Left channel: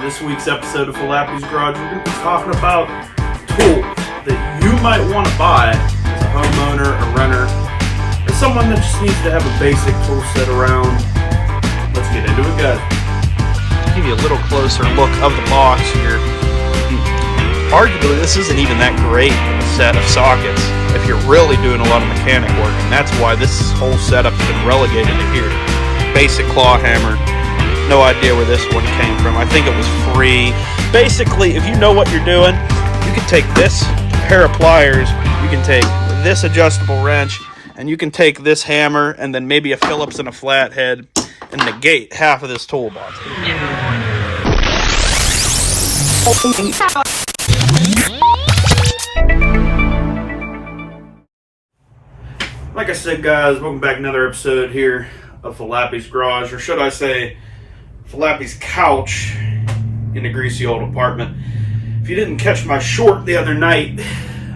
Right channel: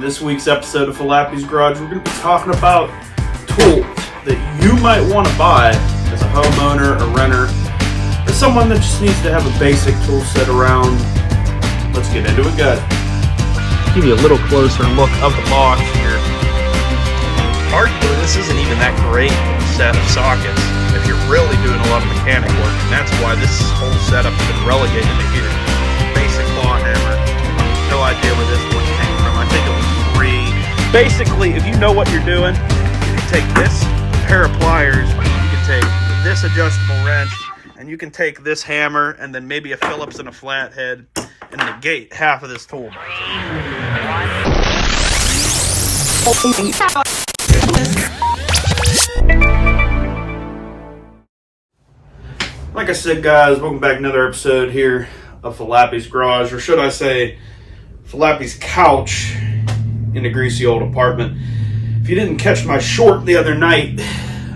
In this week's episode of Falappi's Garage, we're going to be talking about tools that you might want to buy as a homeowner, a renter, or someone that just needs to have a basic tool set around. Let's get into it, guys. Give you a little closer look of the box here. Arguably, this isn't even that great of a set of sockets if you're really doing a lot of mechanic work, and that's why this whole setup has been relegated to here. Basic claw hammer. No idea where this one came from. I think it was free. Basically, if you know what you're doing, you can take this pair of pliers, you can take this adjustable wrench, and you can take this hammer and then maybe a Phillips and a flathead and negate half of this toolbox. Like I said, guys, welcome back to another episode here of Falappi's Garage, or should I say Falappi's couch in the greasy old apartment. If you didn't catch my short the other night,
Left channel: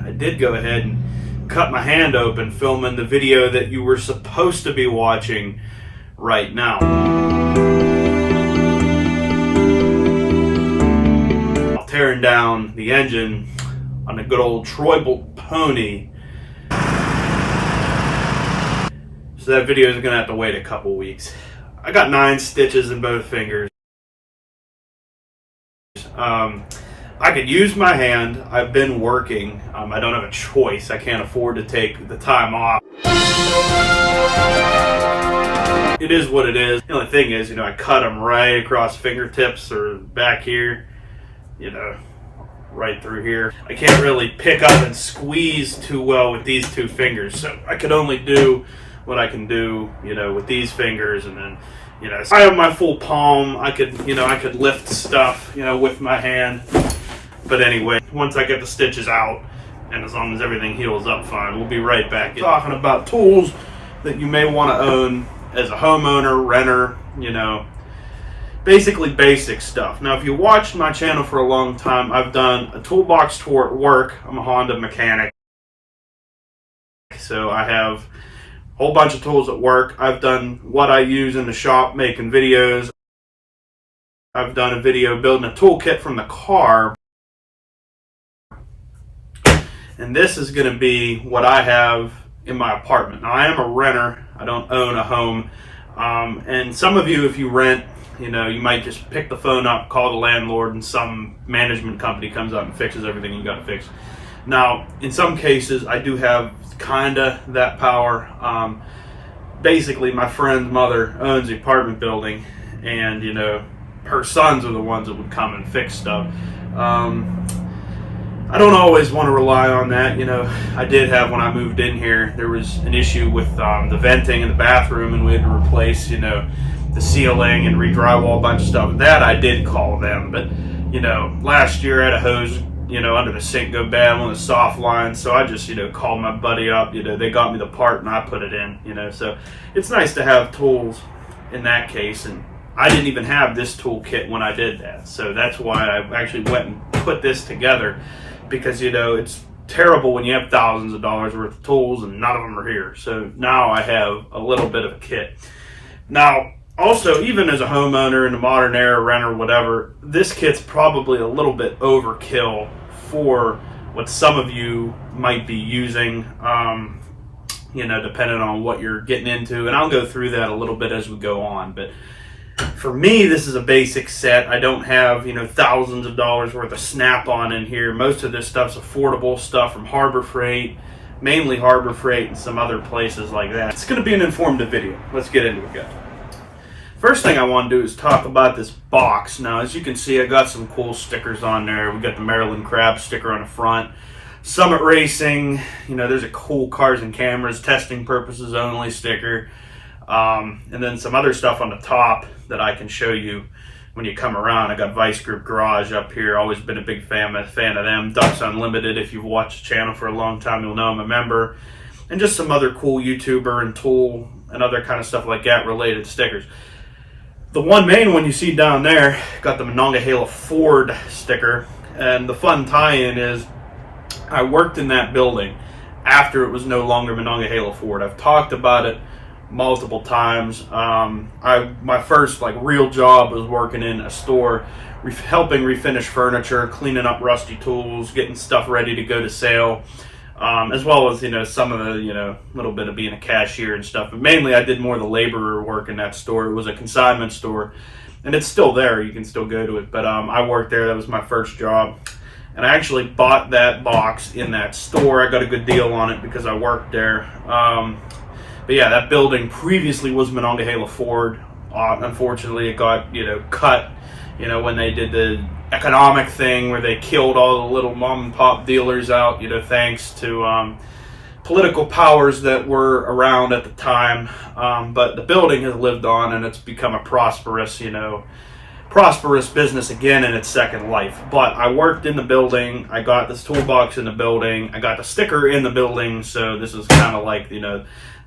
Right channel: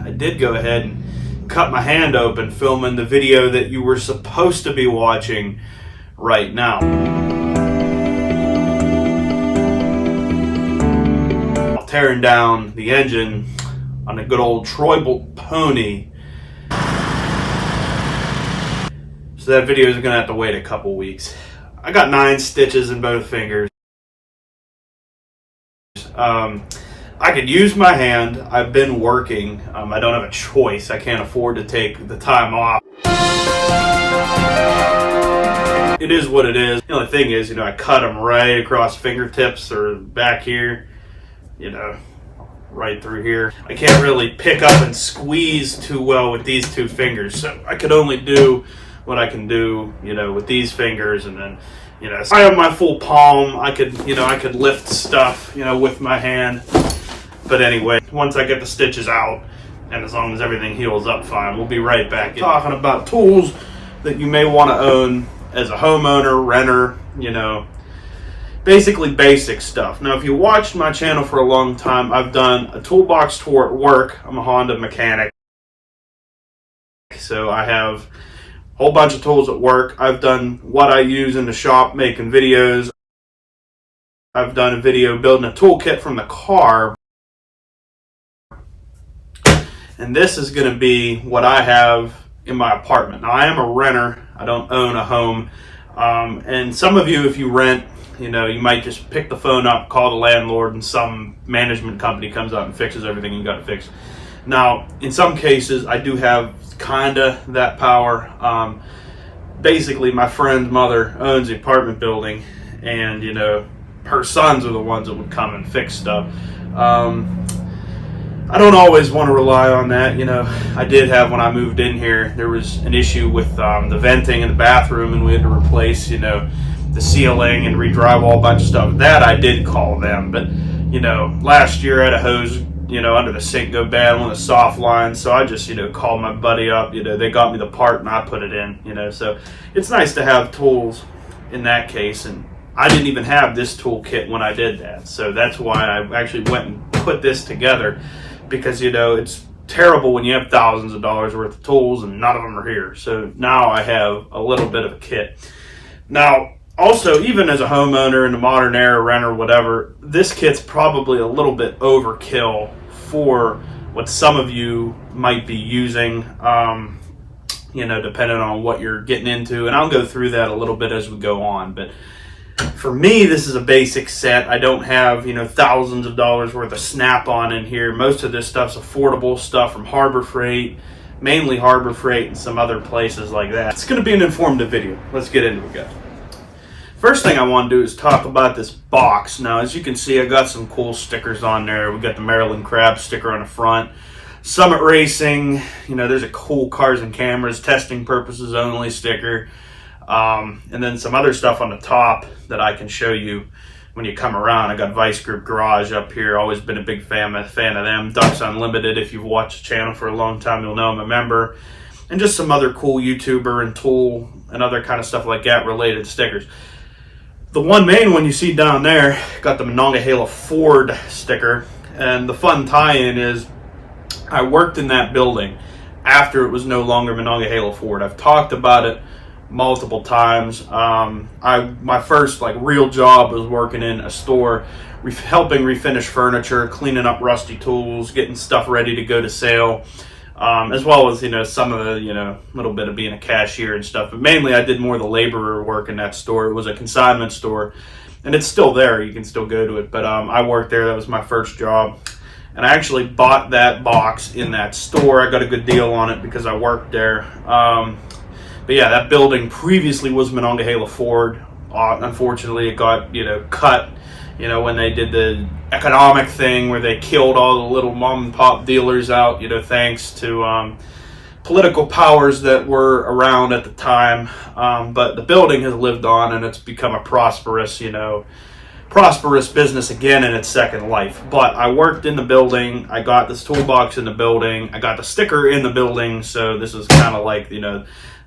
I did go ahead and cut my hand open filming the video that you were supposed to be watching right now. While tearing down the engine on a good old Troy-Bolt pony. So that video is going to have to wait a couple weeks. I got 9 stitches in both fingers. I could use my hand. I've been working. I don't have a choice. I can't afford to take the time off. It is what it is. The only thing is, I cut them right across fingertips or back here, right through here. I can't really pick up and squeeze too well with these 2 fingers. So I could only do what I can do, with these fingers, and then, I have my full palm. I could lift stuff, with my hand. But anyway, once I get the stitches out, and as long as everything heals up fine, we'll be right back talking about tools that you may want to own as a homeowner, renter, basically basic stuff. Now, if you watched my channel for a long time, I've done a toolbox tour at work. I'm a Honda mechanic, so I have whole bunch of tools at work. I've done what I use in the shop making videos. I've done a video building a toolkit from the car. And this is going to be what I have in my apartment. Now, I am a renter. I don't own a home. And some of you, if you rent, you might just pick the phone up, call the landlord, and some management company comes out and fixes everything you got to fix. Now, in some cases, I do have kinda that power. Basically, my friend's mother owns the apartment building, and her sons are the ones that would come and fix stuff. I don't always want to rely on that. I did have, when I moved in here, there was an issue with the venting in the bathroom, and we had to replace the ceiling and re-drywall a bunch of stuff. That I did call them, but last year I had a hose under the sink go bad, one of the soft lines, so I just called my buddy up. They got me the part and I put it in. So it's nice to have tools in that case, and I didn't even have this toolkit when I did that, so that's why I actually went and put this together, because it's terrible when you have thousands of dollars worth of tools and none of them are here. So now I have a little bit of a kit. Now, also, even as a homeowner in the modern era, renter, whatever, this kit's probably a little bit overkill for what some of you might be using, depending on what you're getting into. And I'll go through that a little bit as we go on. But for me, this is a basic set. I don't have, thousands of dollars worth of snap-on in here. Most of this stuff's affordable stuff from Harbor Freight, mainly Harbor Freight and some other places like that. It's going to be an informative video. Let's get into it, guys. First thing I want to do is talk about this box. Now, as you can see, I got some cool stickers on there. We got the Maryland Crab sticker on the front. Summit Racing, there's a cool cars and cameras, testing purposes only sticker. And then some other stuff on the top that I can show you when you come around. I got Vice Group Garage up here. Always been a big fan of them. Ducks Unlimited, if you've watched the channel for a long time, you'll know I'm a member. And just some other cool YouTuber and tool and other kind of stuff like that related stickers. The one main one you see down there got the Monongahela Ford sticker, and the fun tie-in is I worked in that building after it was no longer Monongahela Ford. I've talked about it multiple times. My first real job was working in a store helping refinish furniture, cleaning up rusty tools, getting stuff ready to go to sale, as well as, some of the, little bit of being a cashier and stuff. But mainly I did more of the laborer work in that store. It was a consignment store, and it's still there. You can still go to it. But I worked there. That was my first job. And I actually bought that box in that store. I got a good deal on it because I worked there. But yeah, that building previously was Monongahela Ford. Unfortunately, it got, cut, when they did the economic thing where they killed all the little mom and pop dealers out, thanks to political powers that were around at the time. But the building has lived on, and it's become a prosperous business again in its second life. But I worked in the building. I got this toolbox in the building. I got the sticker in the building. So this is kind of like,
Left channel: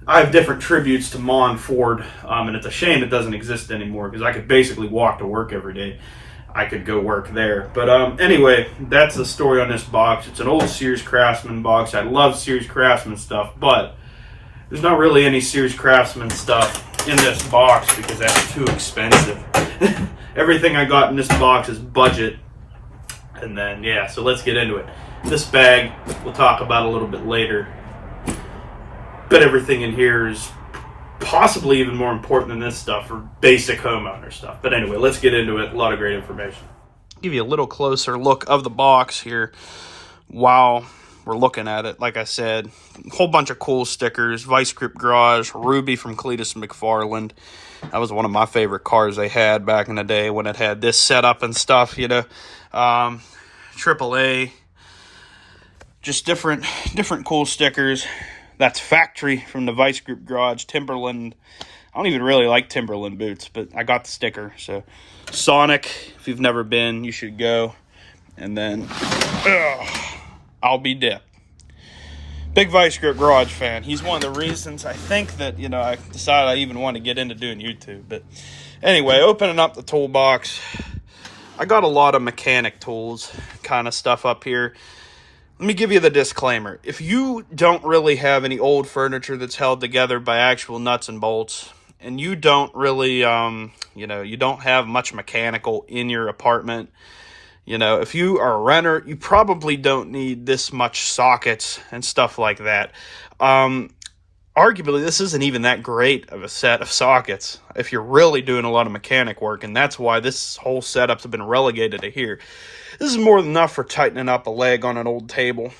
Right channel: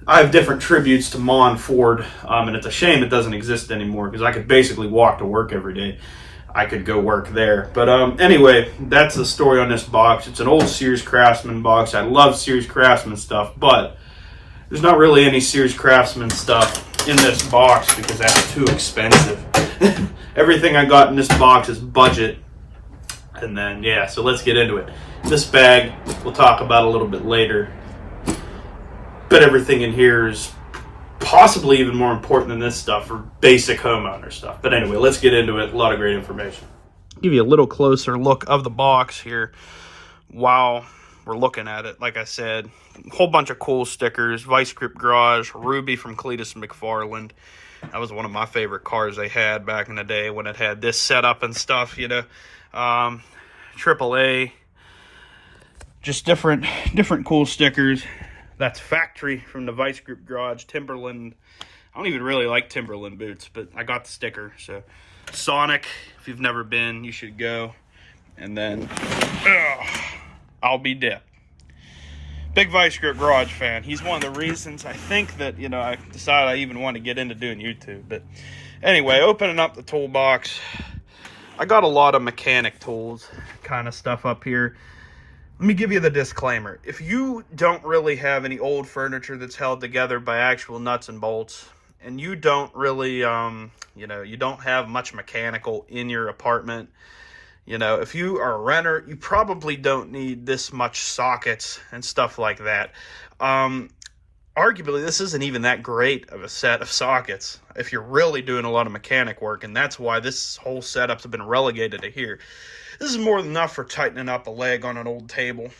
I have different tributes to Mon Ford, and it's a shame it doesn't exist anymore because I could basically walk to work every day. I could go work there. But anyway, that's the story on this box. It's an old Sears Craftsman box. I love Sears Craftsman stuff, but there's not really any Sears Craftsman stuff in this box because that's too expensive. Everything I got in this box is budget. And then, yeah, so let's get into it. This bag we'll talk about a little bit later. But everything in here is possibly even more important than this stuff for basic homeowner stuff. But anyway, let's get into it. A lot of great information. Give you a little closer look of the box here while we're looking at it. Like I said, a whole bunch of cool stickers. Vice Grip Garage, Ruby from Cletus McFarland. That was one of my favorite cars they had back in the day when it had this setup and stuff, AAA. Just different cool stickers. That's Factory from the Vice Grip Garage. Timberland. I don't even really like Timberland boots, but I got the sticker. So Sonic, if you've never been, you should go. And then I'll be dipped. Big Vice Grip Garage fan. He's one of the reasons I think that, I decided I even want to get into doing YouTube. But anyway, opening up the toolbox, I got a lot of mechanic tools kind of stuff up here. Let me give you the disclaimer. If you don't really have any old furniture that's held together by actual nuts and bolts, and you don't really, you don't have much mechanical in your apartment, if you are a renter, you probably don't need this much sockets and stuff like that. Arguably, this isn't even that great of a set of sockets if you're really doing a lot of mechanic work, and that's why this whole setup's been relegated to here. This is more than enough for tightening up a leg on an old table,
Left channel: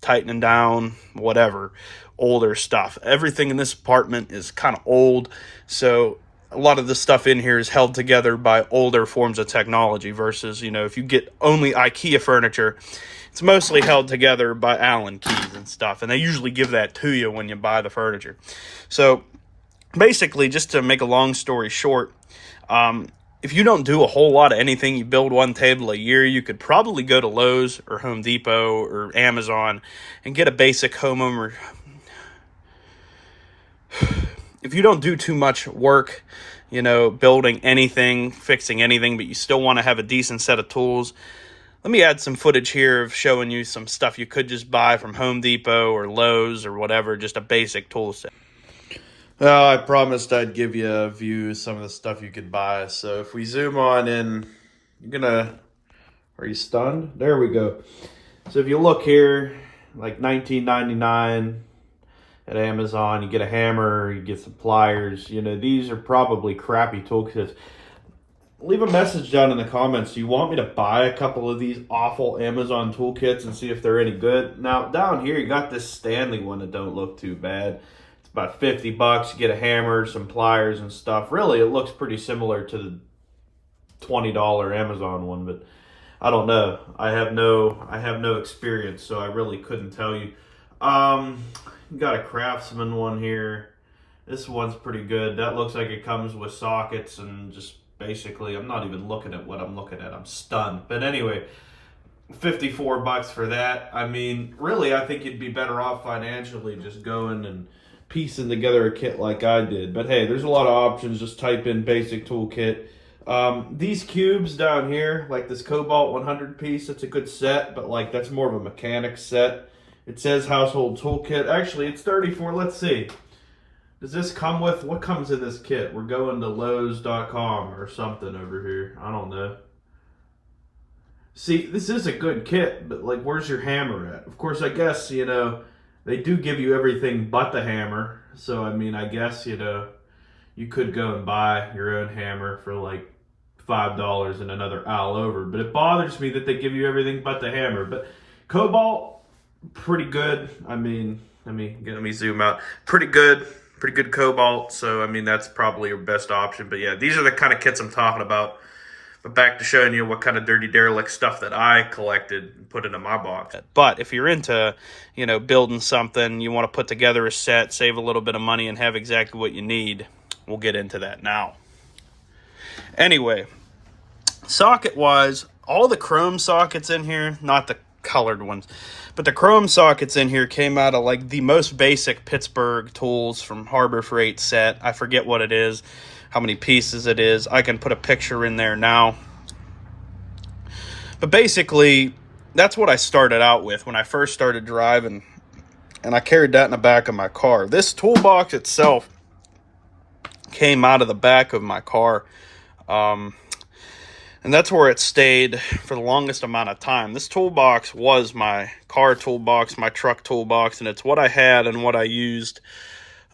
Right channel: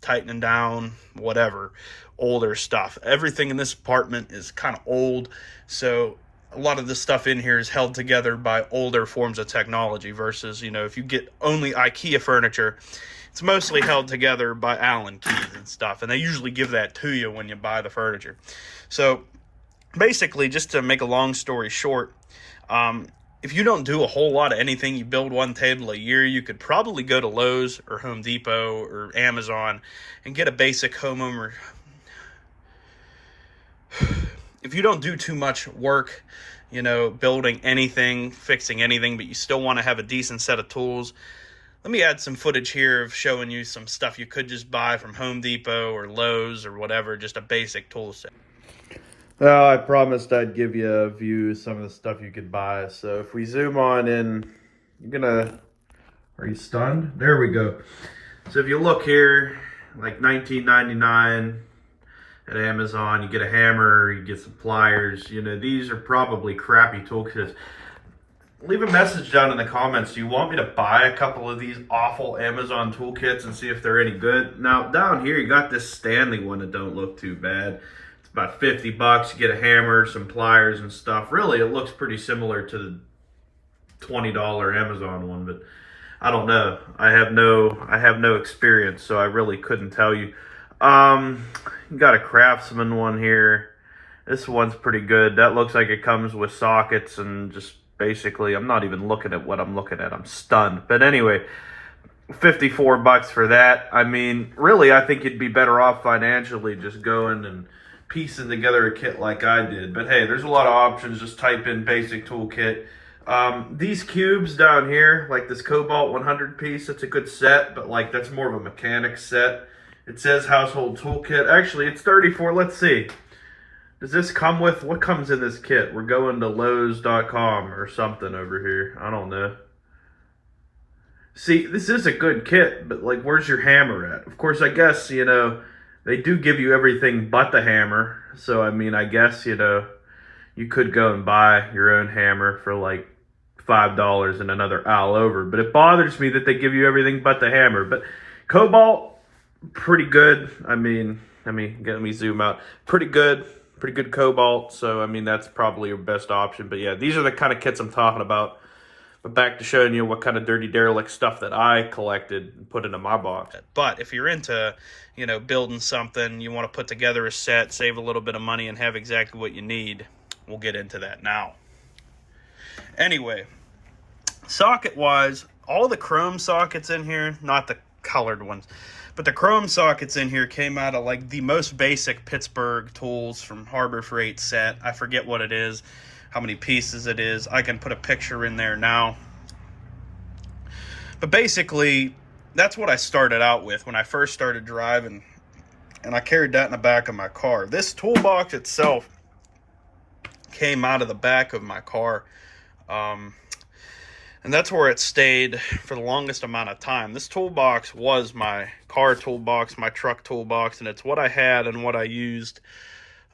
tightening down, whatever, older stuff. Everything in this apartment is kind of old, so a lot of the stuff in here is held together by older forms of technology versus, if you get only IKEA furniture, it's mostly held together by Allen keys and stuff, and they usually give that to you when you buy the furniture. So basically, just to make a long story short, if you don't do a whole lot of anything, you build one table a year, you could probably go to Lowe's or Home Depot or Amazon and get a basic homeowner. If you don't do too much work, building anything, fixing anything, but you still want to have a decent set of tools, let me add some footage here of showing you some stuff you could just buy from Home Depot or Lowe's or whatever, just a basic tool set. Well, I promised I'd give you a view of some of the stuff you could buy. So if we zoom on in, are you stunned? There we go. So if you look here, like $19.99 at Amazon, you get a hammer, you get some pliers. These are probably crappy toolkits. Leave a message down in the comments. Do you want me to buy a couple of these awful Amazon toolkits and see if they're any good? Now, down here, you got this Stanley one that don't look too bad. About $50. You get a hammer, some pliers and stuff. Really, it looks pretty similar to the $20 Amazon one, but I don't know. I have no experience, so I really couldn't tell you. You got a Craftsman one here. This one's pretty good. That looks like it comes with sockets and just basically, I'm not even looking at what I'm looking at. I'm stunned. But anyway, $54 for that. I mean, really, I think you'd be better off financially just going and piecing together a kit like I did. But hey, there's a lot of options. Just type in basic toolkit. These cubes down here, like this Cobalt 100 piece, it's a good set, but like that's more of a mechanic set. It says household toolkit. Actually, it's $34. Let's see. Does this come with, what comes in this kit? We're going to Lowe's.com or something over here. I don't know. See, this is a good kit, but like, where's your hammer at? Of course, I guess, you know, they do give you everything but the hammer. So, I mean, I guess, you know, you could go and buy your own hammer for like $5 and another all over. But it bothers me that they give you everything but the hammer. But Cobalt, pretty good. I mean, let me zoom out. Pretty good Cobalt. So, I mean, that's probably your best option. But yeah, these are the kind of kits I'm talking about. But back to showing you what kind of dirty derelict stuff that I collected and put into my box. But if you're into, you know, building something, you want to put together a set, save a little bit of money, and have exactly what you need, we'll get into that now. Anyway, socket-wise, all the chrome sockets in here, not the colored ones, but the chrome sockets in here came out of like the most basic Pittsburgh tools from Harbor Freight set. I forget what it is, how many pieces it is. I can put a picture in there now. But basically, that's what I started out with when I first started driving, and I carried that in the back of my car. This toolbox itself came out of the back of my car, and that's where it stayed for the longest amount of time. This toolbox was my car toolbox, my truck toolbox, and it's what I had and what I used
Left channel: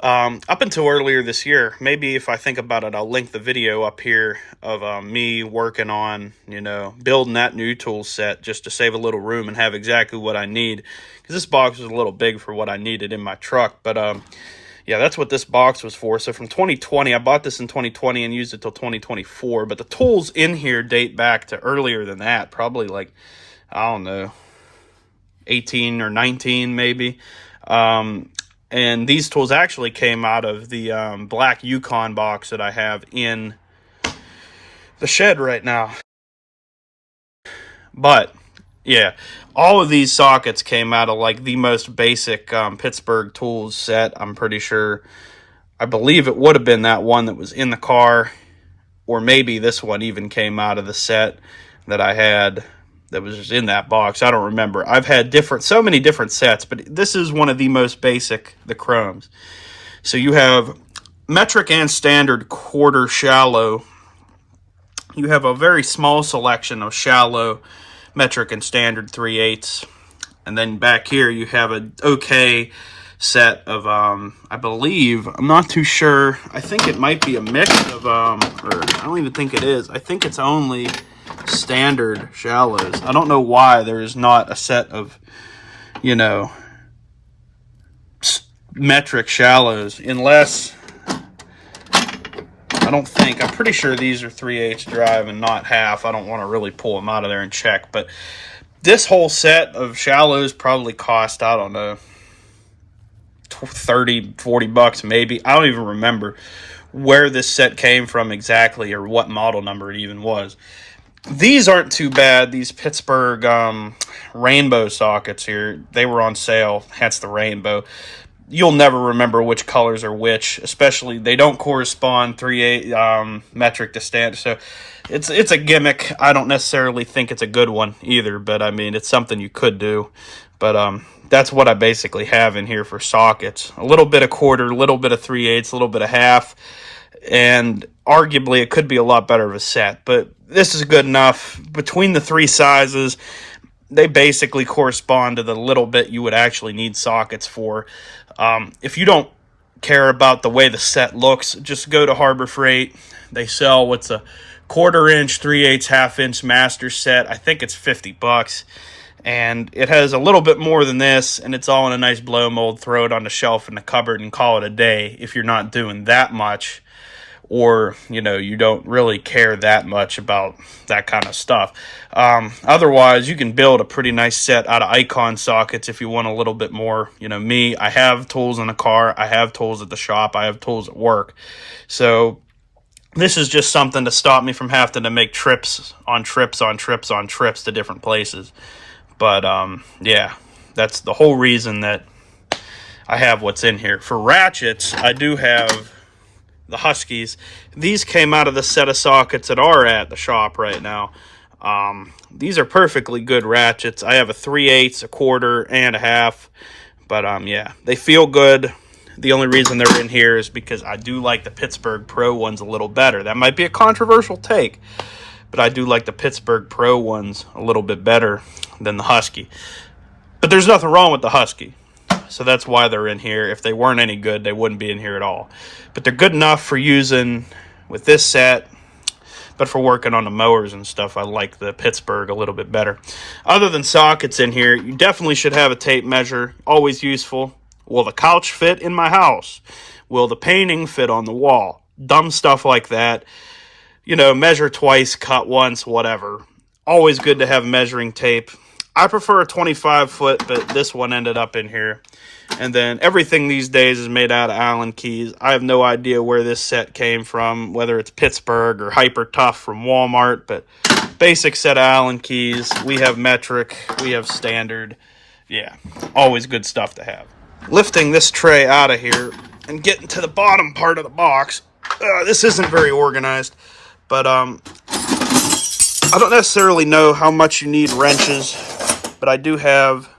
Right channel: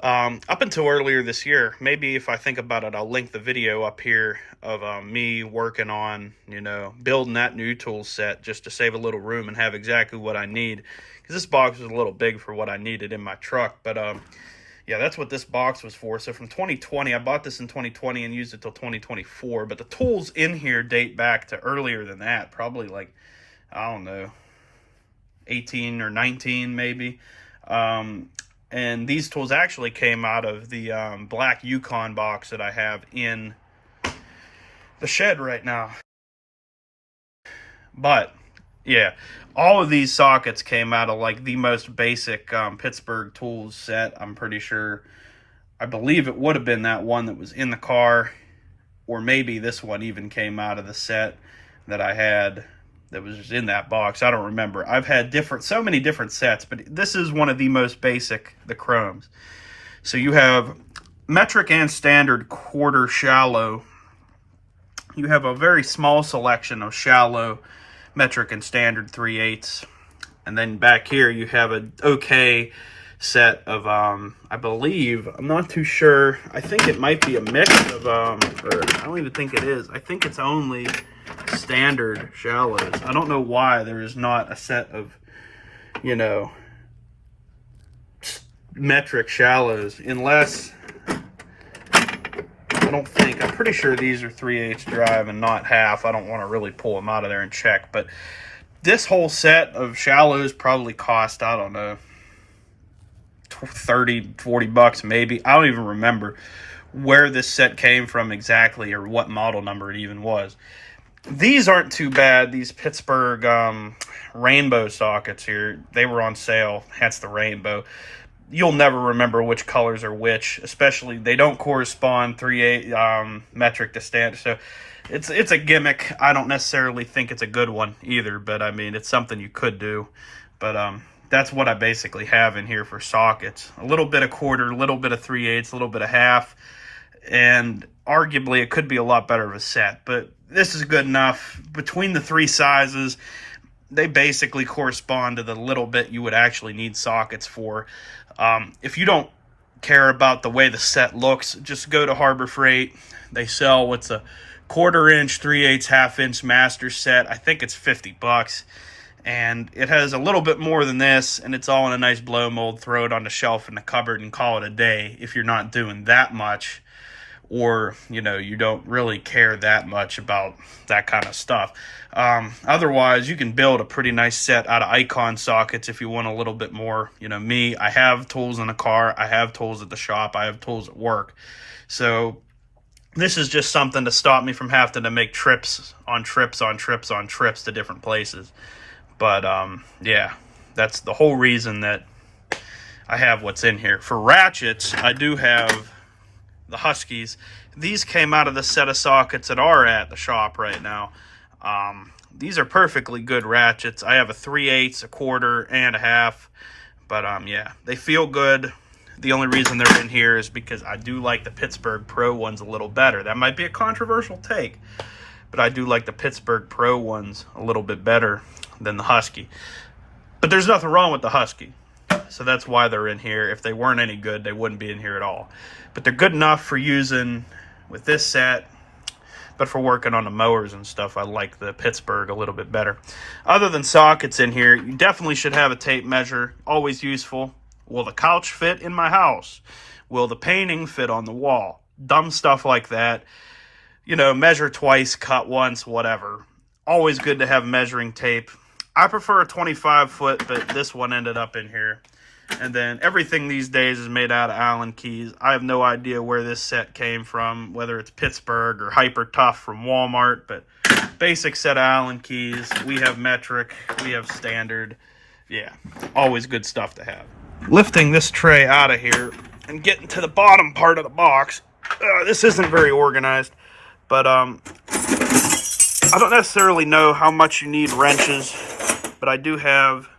up until earlier this year. Maybe if I think about it, I'll link the video up here of me working on, you know, building that new tool set just to save a little room and have exactly what I need. Because this box was a little big for what I needed in my truck. But yeah, that's what this box was for. So from 2020, I bought this in 2020 and used it till 2024. But the tools in here date back to earlier than that. Probably like, I don't know, 18 or 19 maybe. And these tools actually came out of the black Yukon box that I have in the shed right now. But, yeah, all of these sockets came out of like the most basic Pittsburgh tools set. I'm pretty sure. I believe it would have been that one that was in the car. Or maybe this one even came out of the set that I had that was just in that box. I don't remember. I've had so many different sets, but this is one of the most basic, the chromes. So you have metric and standard quarter shallow. You have a very small selection of shallow, metric, and standard 3/8. And then back here you have an okay set of, I believe, I'm not too sure. I think it might be a mix of, or I don't even think it is. I think it's only standard shallows. I don't know why there is not a set of, you know, metric shallows, unless, I don't think, I'm pretty sure these are 3/8 drive and not half. I don't want to really pull them out of there and check, but this whole set of shallows probably cost, I don't know, 30, 40 bucks maybe. I don't even remember where this set came from exactly or what model number it even was. These aren't too bad. These Pittsburgh rainbow sockets here, they were on sale, hence the rainbow. You'll never remember which colors are which, especially they don't correspond 3/8 metric to standard. So it's a gimmick. I don't necessarily think it's a good one either, but I mean, it's something you could do. But that's what I basically have in here for sockets. A little bit of quarter, a little bit of 3/8, a little bit of half, and arguably it could be a lot better of a set, but this is good enough. Between the three sizes, they basically correspond to the little bit you would actually need sockets for. If you don't care about the way the set looks, just go to Harbor Freight. They sell what's a 1/4 inch, 3/8, 1/2 inch master set. I think it's 50 bucks. And it has a little bit more than this, and it's all in a nice blow mold. Throw it on the shelf in the cupboard and call it a day if you're not doing that much, or, you know, you don't really care that much about that kind of stuff. Otherwise, you can build a pretty nice set out of icon sockets if you want a little bit more. You know, me, I have tools in the car, I have tools at the shop, I have tools at work. So this is just something to stop me from having to make trips on trips on trips on trips to different places. But, yeah, that's the whole reason that I have what's in here. For ratchets, I do have the Huskies. These came out of the set of sockets that are at the shop right now. These are perfectly good ratchets. I have a 3/8, a 1/4, and a 1/2. But, yeah, they feel good. The only reason they're in here is because I do like the Pittsburgh Pro ones a little better. That might be a controversial take, but I do like the Pittsburgh Pro ones a little bit better than the Husky. But there's nothing wrong with the Husky, so that's why they're in here. If they weren't any good, they wouldn't be in here at all. But they're good enough for using with this set. But for working on the mowers and stuff, I like the Pittsburgh a little bit better. Other than sockets in here, you definitely should have a tape measure. Always useful. Will the couch fit in my house? Will the painting fit on the wall? Dumb stuff like that. You know, measure twice, cut once, whatever. Always good to have measuring tape. I prefer a 25 foot, but this one ended up in here. And then everything these days is made out of Allen keys. I have no idea where this set came from, whether it's Pittsburgh or Hyper Tough from Walmart, but basic set of Allen keys. We have metric, we have standard. Yeah, always good stuff to have. Lifting this tray out of here and getting to the bottom part of the box. This isn't very organized, but I don't necessarily know how much you need wrenches, but I do have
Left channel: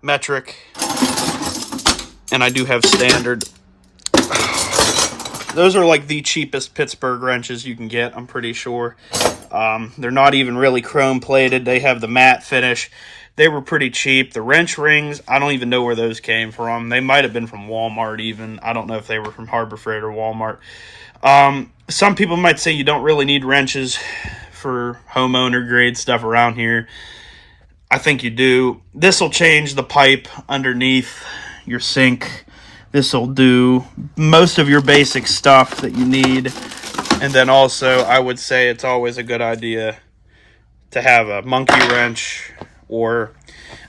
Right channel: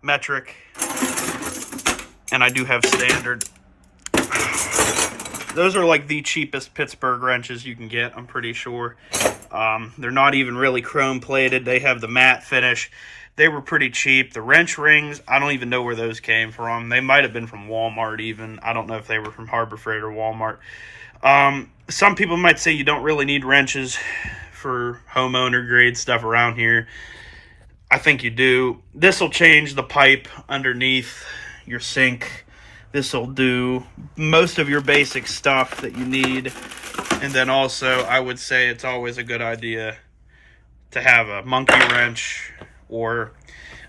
metric and I do have standard. Those are like the cheapest Pittsburgh wrenches you can get, I'm pretty sure. They're not even really chrome plated. They have the matte finish. They were pretty cheap. The wrench rings, I don't even know where those came from. They might have been from Walmart even. I don't know if they were from Harbor Freight or Walmart. Some people might say you don't really need wrenches for homeowner grade stuff around here. I think you do. This will change the pipe underneath your sink. This will do most of your basic stuff that you need. And then also, I would say it's always a good idea to have a monkey wrench or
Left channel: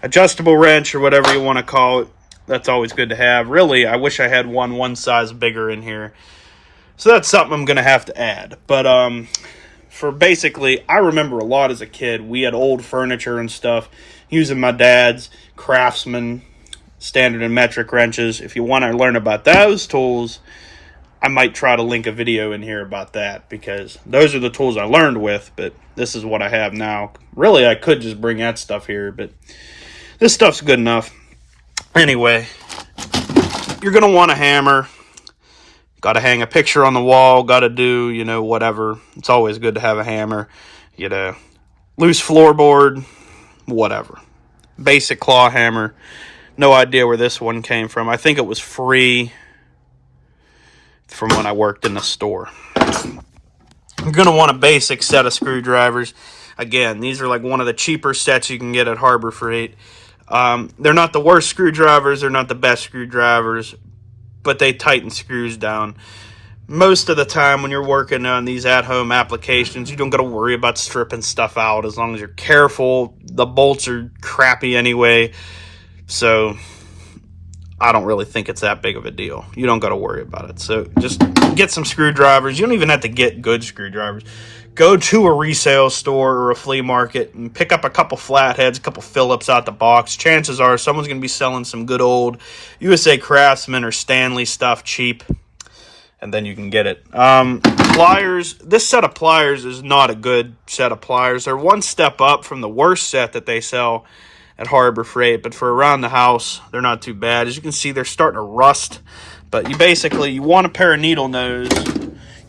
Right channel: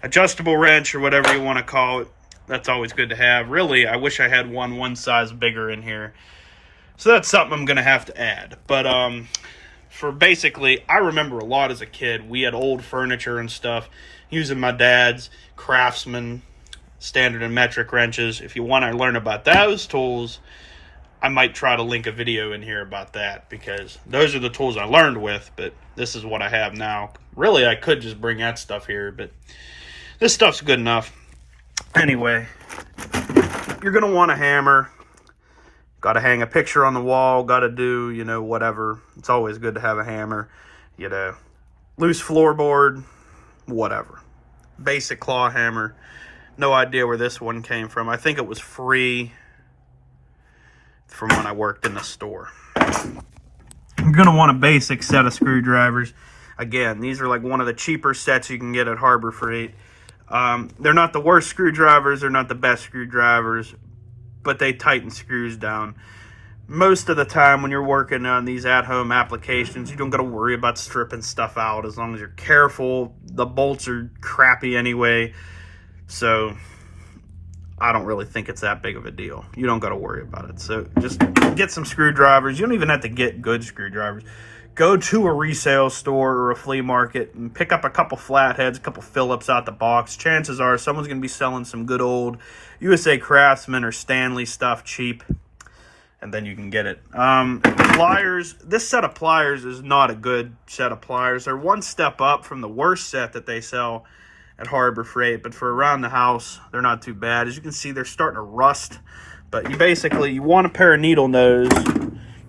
adjustable wrench or whatever you want to call it. That's always good to have. Really, I wish I had one size bigger in here. So that's something I'm going to have to add. But for basically, I remember a lot as a kid. We had old furniture and stuff using my dad's Craftsman standard and metric wrenches. If you want to learn about those tools, I might try to link a video in here about that, because those are the tools I learned with, but this is what I have now. Really, I could just bring that stuff here, but this stuff's good enough. Anyway, you're going to want a hammer. Got to hang a picture on the wall. Got to do, you know, whatever. It's always good to have a hammer. Get a loose floorboard, whatever. Basic claw hammer. No idea where this one came from. I think it was free from when I worked in the store. You're going to want a basic set of screwdrivers. Again, these are like one of the cheaper sets you can get at Harbor Freight. They're not the worst screwdrivers. They're not the best screwdrivers, but they tighten screws down. Most of the time when you're working on these at-home applications, you don't got to worry about stripping stuff out as long as you're careful. The bolts are crappy anyway, so I don't really think it's that big of a deal. You don't got to worry about it. So just get some screwdrivers. You don't even have to get good screwdrivers. Go to a resale store or a flea market and pick up a couple flatheads, a couple Phillips out the box. Chances are someone's going to be selling some good old USA Craftsman or Stanley stuff cheap, and then you can get it. Pliers. This set of pliers is not a good set of pliers. They're one step up from the worst set that they sell at Harbor Freight, but for around the house, they're not too bad. As you can see, they're starting to rust, but you want a pair of needle nose.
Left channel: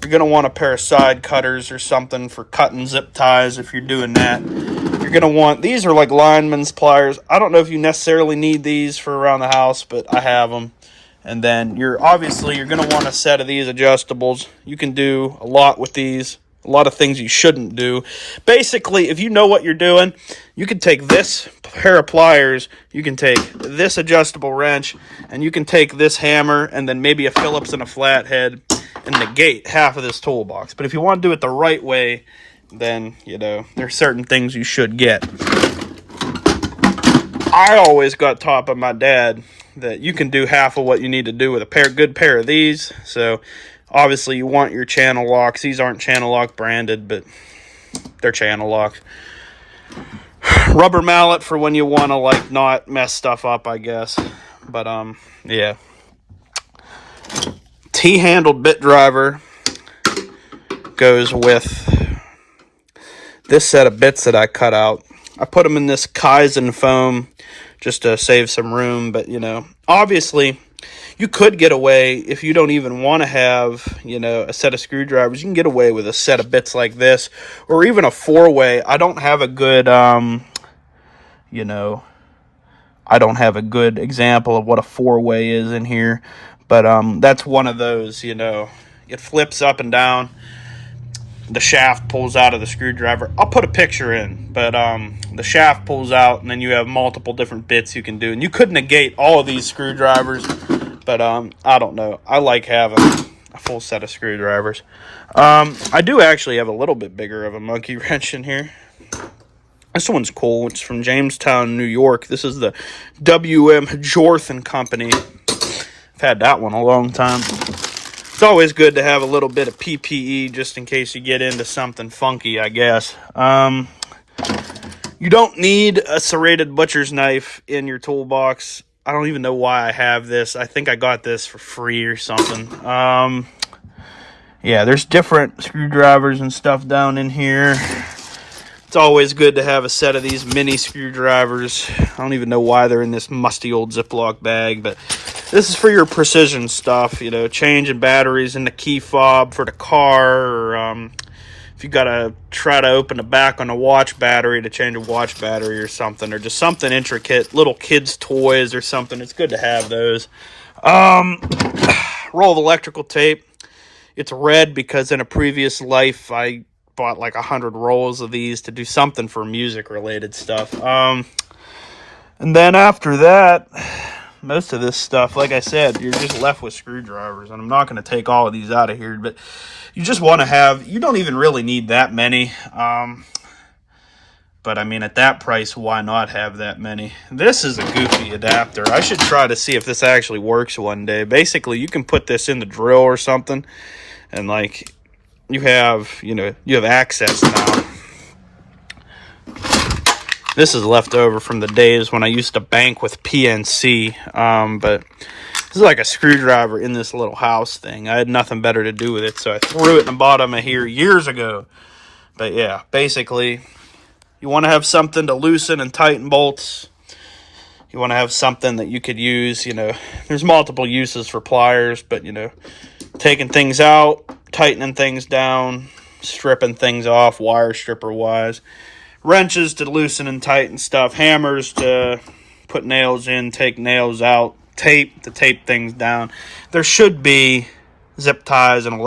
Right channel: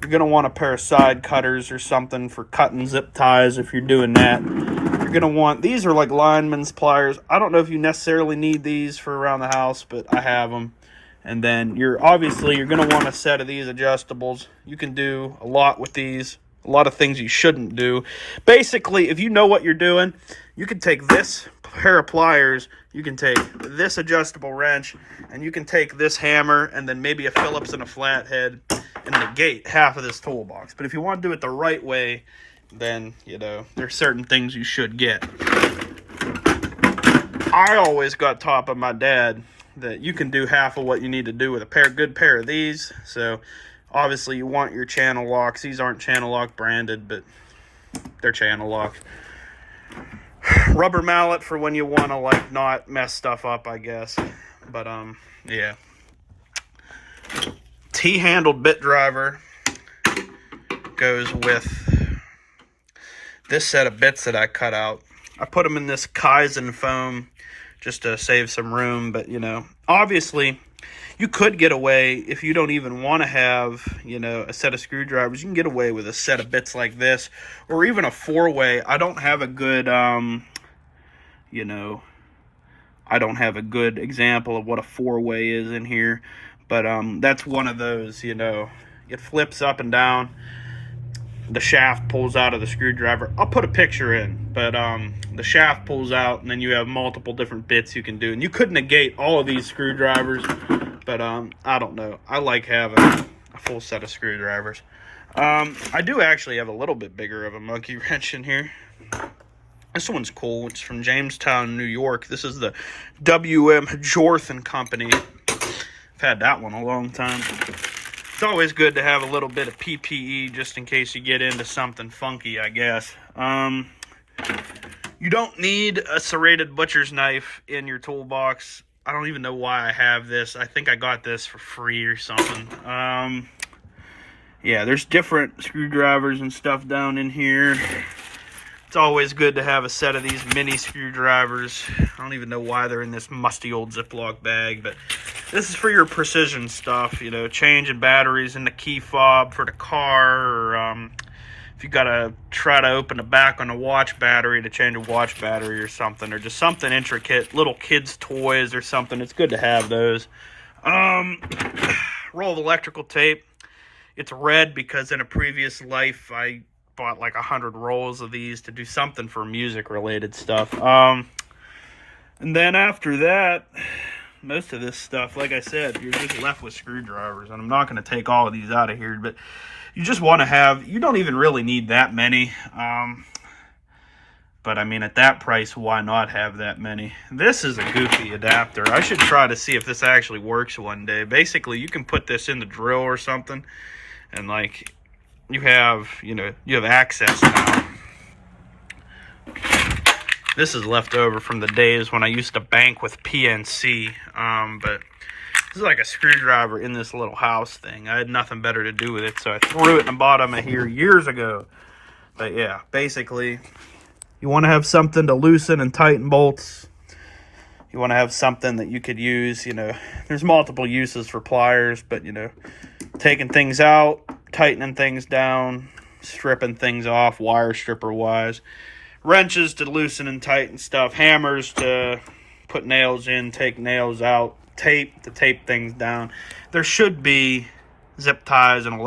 You're going to want a pair of side cutters or something for cutting zip ties if you're doing that. You're going to want, these are like lineman's pliers. I don't know if you necessarily need these for around the house, but I have them. And then you're going to want a set of these adjustables. You can do a lot with these. A lot of things you shouldn't do. Basically, if you know what you're doing, you can take this pair of pliers, you can take this adjustable wrench, and you can take this hammer and then maybe a Phillips and a flathead and negate half of this toolbox. But if you want to do it the right way, then, you know, there's certain things you should get. I always got taught by my dad that you can do half of what you need to do with a good pair of these. So obviously you want your channel locks. These aren't channel lock branded, but they're channel locks. Rubber mallet for when you want to like not mess stuff up, I guess. But yeah. T-handled bit driver goes with this set of bits that I cut out. I put them in this Kaizen foam just to save some room, but you know, obviously You could get away, if you don't even want to have, you know, a set of screwdrivers, you can get away with a set of bits like this, or even a 4-way. I don't have a good, you know, I don't have a good example of what a 4-way is in here, but that's one of those, you know, it flips up and down. The shaft pulls out of the screwdriver. I'll put a picture in, but the shaft pulls out, and then you have multiple different bits you can do. And you could negate all of these screwdrivers, but I don't know. I like having a full set of screwdrivers. I do actually have a little bit bigger of a monkey wrench in here. This one's cool. It's from Jamestown, New York. This is the W.M. Jorth & Company. I've had that one a long time. It's always good to have a little bit of PPE just in case you get into something funky, I guess. You don't need a serrated butcher's knife in your toolbox. I don't even know why I have this. I think I got this for free or something. Yeah, there's different screwdrivers and stuff down in here. It's always good to have a set of these mini screwdrivers. I don't even know why they're in this musty old Ziploc bag, but this is for your precision stuff, you know, changing batteries in the key fob for the car, or if you got to try to open the back on the watch battery to change a watch battery or something, or just something intricate, little kids' toys or something. It's good to have those. Roll of electrical tape. It's red because in a previous life I bought like 100 rolls of these to do something for music related stuff. And then after that, most of this stuff, like I said, you're just left with screwdrivers, and I'm not going to take all of these out of here, but you just want to have, you don't even really need that many. But I mean, at that price, why not have that many? This is a goofy adapter. I should try to see if this actually works one day. Basically, you can put this in the drill or something, and like, you have, you know, you have access now. This is left over from the days when I used to bank with PNC, but this is like a screwdriver in this little house thing. I had nothing better to do with it, so I threw it in the bottom of here years ago. But yeah, basically, you want to have something to loosen and tighten bolts. You want to have something that you could use, you know, there's multiple uses for pliers, but, you know, taking things out, tightening things down, stripping things off, wire stripper wise, wrenches to loosen and tighten stuff, hammers to put nails in, take nails out, tape to tape things down. There should be zip ties and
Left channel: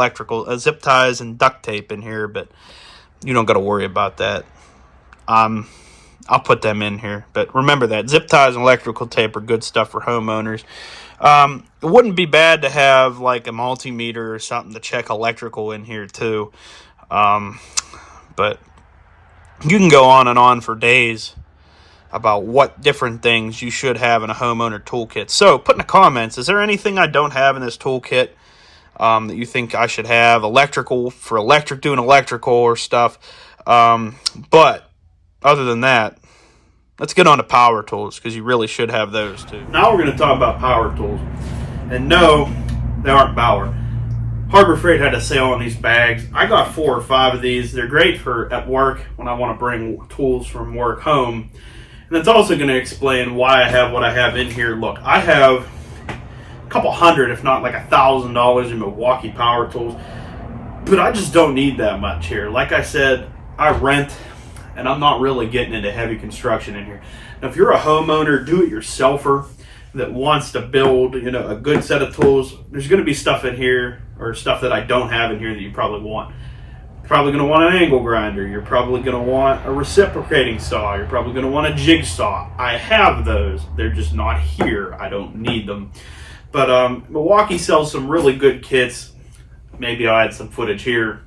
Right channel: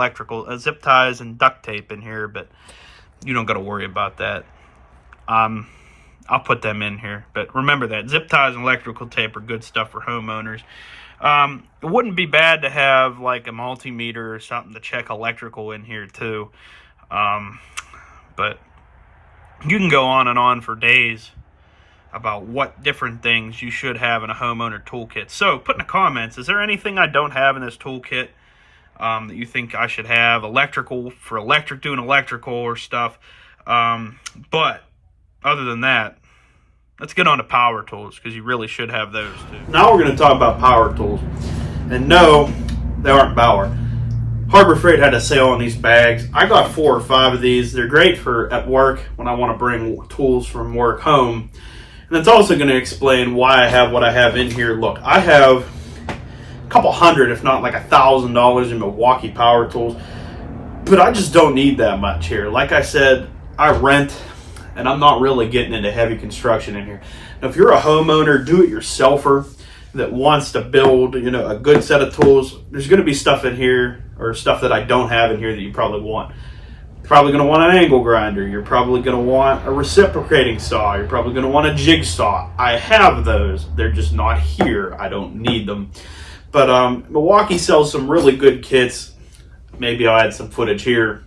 zip ties and duct tape in here, but you don't got to worry about that. I'll put them in here, but remember that zip ties and electrical tape are good stuff for homeowners. It wouldn't be bad to have like a multimeter or something to check electrical in here too. But you can go on and on for days about what different things you should have in a homeowner toolkit. So put in the comments, is there anything I don't have in this toolkit that you think I should have? Electrical, for doing electrical or stuff. But other than that, let's get on to power tools, because you really should have those too. Now we're going to talk about power tools. And no, they aren't Bauer. Harbor Freight had a sale on these bags. I got 4 or 5 of these. They're great for at work when I want to bring tools from work home. And it's also going to explain why I have what I have in here. Look, I have a couple hundred, if not like $1,000 in Milwaukee power tools. But I just don't need that much here. Like I said, I rent, and I'm not really getting into heavy construction in here. Now, if you're a homeowner, do-it-yourselfer that wants to build, you know, a good set of tools, there's going to be stuff in here, or stuff that I don't have in here that you probably want. You're probably going to want an angle grinder. You're probably going to want a reciprocating saw. You're probably going to want a jigsaw. I have those. They're just not here. I don't need them. But Milwaukee sells some really good kits. Maybe I'll add some footage here.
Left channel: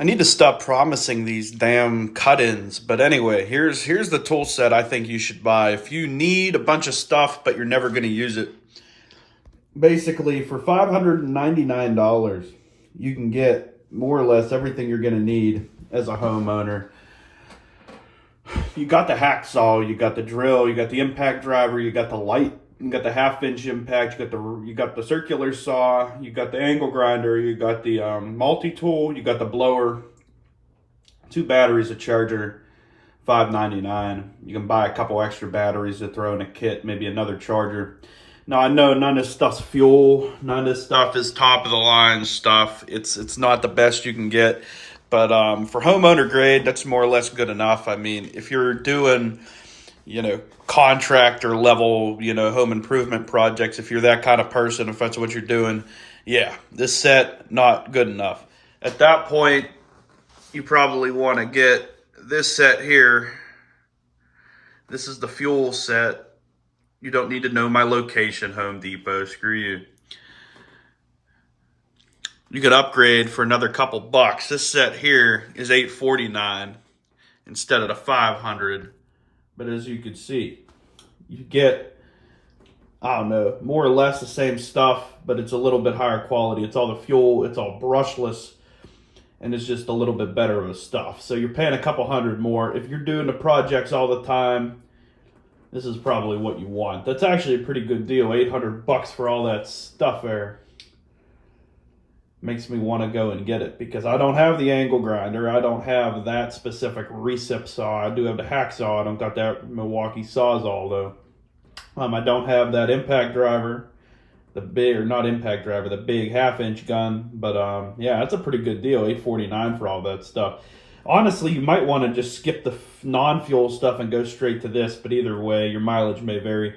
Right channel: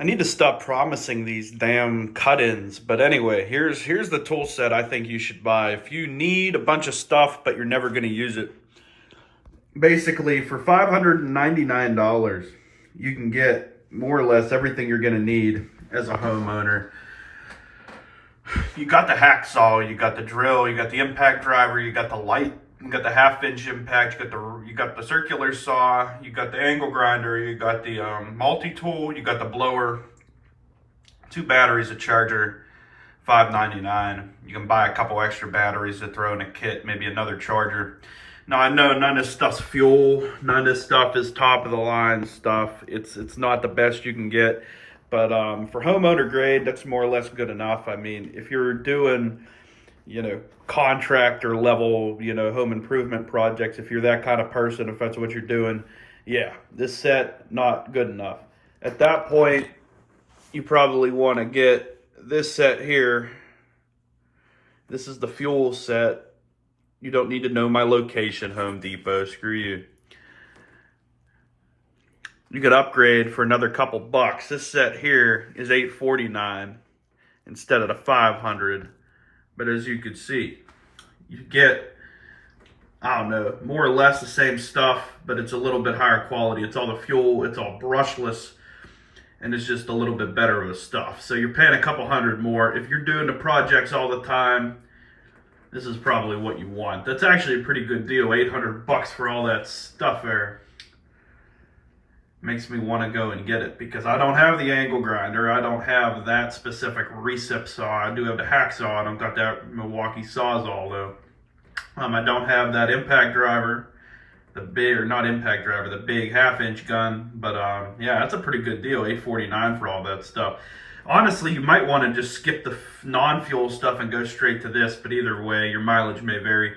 I need to stop promising these damn cut-ins. But anyway, here's the tool set I think you should buy. If you need a bunch of stuff, but you're never going to use it. Basically, for $599, you can get more or less everything you're going to need as a homeowner. You got the hacksaw, you got the drill, you got the impact driver, you got the light, you got the half-inch impact, you got the circular saw, you got the angle grinder, you got the multi-tool, you got the blower, 2 batteries, a charger, $5.99. You can buy a couple extra batteries to throw in a kit, maybe another charger. Now I know none of this stuff's fuel, none of this stuff is top of the line stuff. It's not the best you can get, but for homeowner grade, that's more or less good enough. I mean, if you're doing, contractor level, home improvement projects, if you're that kind of person, if that's what you're doing, yeah, this set, not good enough. At that point, you probably want to get this set here. This is the fuel set. You don't need to know my location, Home Depot. Screw you. You could upgrade for another couple bucks. This set here is $849 instead of the $500. But as you can see, you get, I don't know, more or less the same stuff, but it's a little bit higher quality. It's all the fuel, it's all brushless, and it's just a little bit better of the stuff. So you're paying a couple hundred more. If you're doing the projects all the time, this is probably what you want. That's actually a pretty good deal. $800 for all that stuff there. Makes me want to go and get it because I don't have the angle grinder. I don't have that specific recip saw. I do have the hacksaw. I don't got that Milwaukee Sawzall though. I don't have that impact driver, the big, or not impact driver, the big 1/2-inch gun. But yeah, that's a pretty good deal. $849 for all that stuff. Honestly, you might want to just skip the non-fuel stuff and go straight to this, but either way, your mileage may vary.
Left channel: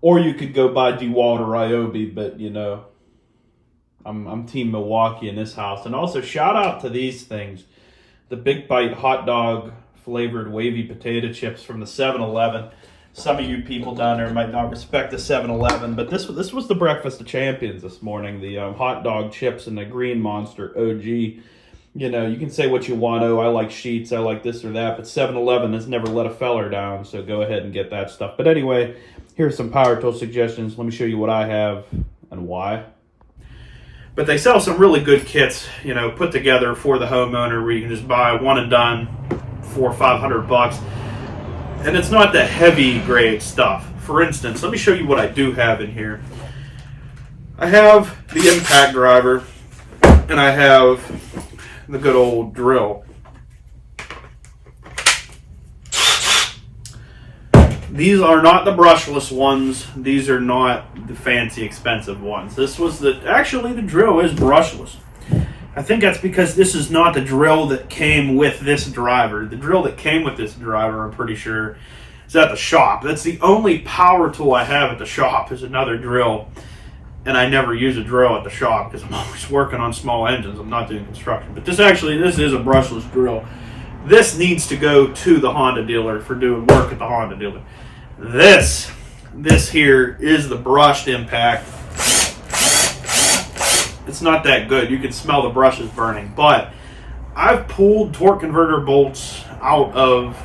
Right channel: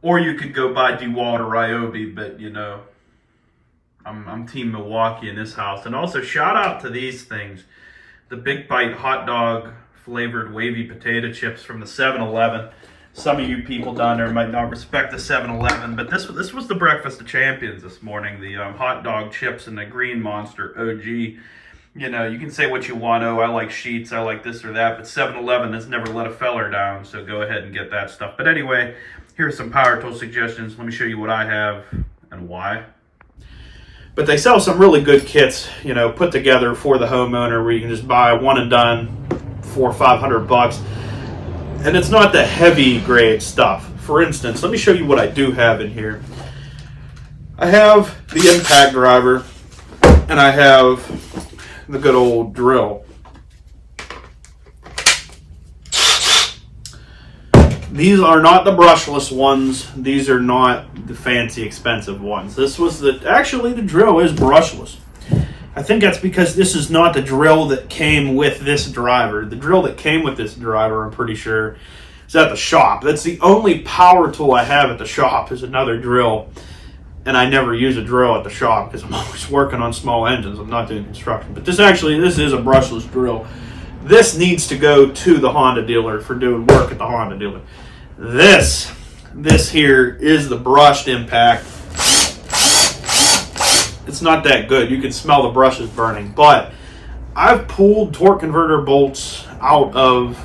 Or you could go buy DeWalt or Ryobi, but I'm Team Milwaukee in this house. And also, shout out to these things. The Big Bite hot dog flavored wavy potato chips from the 7-Eleven. Some of you people down there might not respect the 7-Eleven, but this was the breakfast of champions this morning. The hot dog chips and the Green Monster OG. You can say what you want. Oh, I like Sheets, I like this or that, but 7-Eleven has never let a feller down, so go ahead and get that stuff. But anyway, here's some power tool suggestions. Let me show you what I have and why. But they sell some really good kits, put together for the homeowner where you can just buy one and done for $500. And it's not the heavy grade stuff. For instance, let me show you what I do have in here. I have the impact driver and I have the good old drill. These are not the brushless ones. These are not the fancy expensive ones. Actually the drill is brushless. I think that's because this is not the drill that came with this driver. The drill that came with this driver, I'm pretty sure, is at the shop. That's the only power tool I have at the shop is another drill. And I never use a drill at the shop because I'm always working on small engines. I'm not doing construction. But this is a brushless drill. This needs to go to the Honda dealer for doing work at the Honda dealer. This here is the brushed impact. It's not that good. You can smell the brushes burning. But I've pulled torque converter bolts out of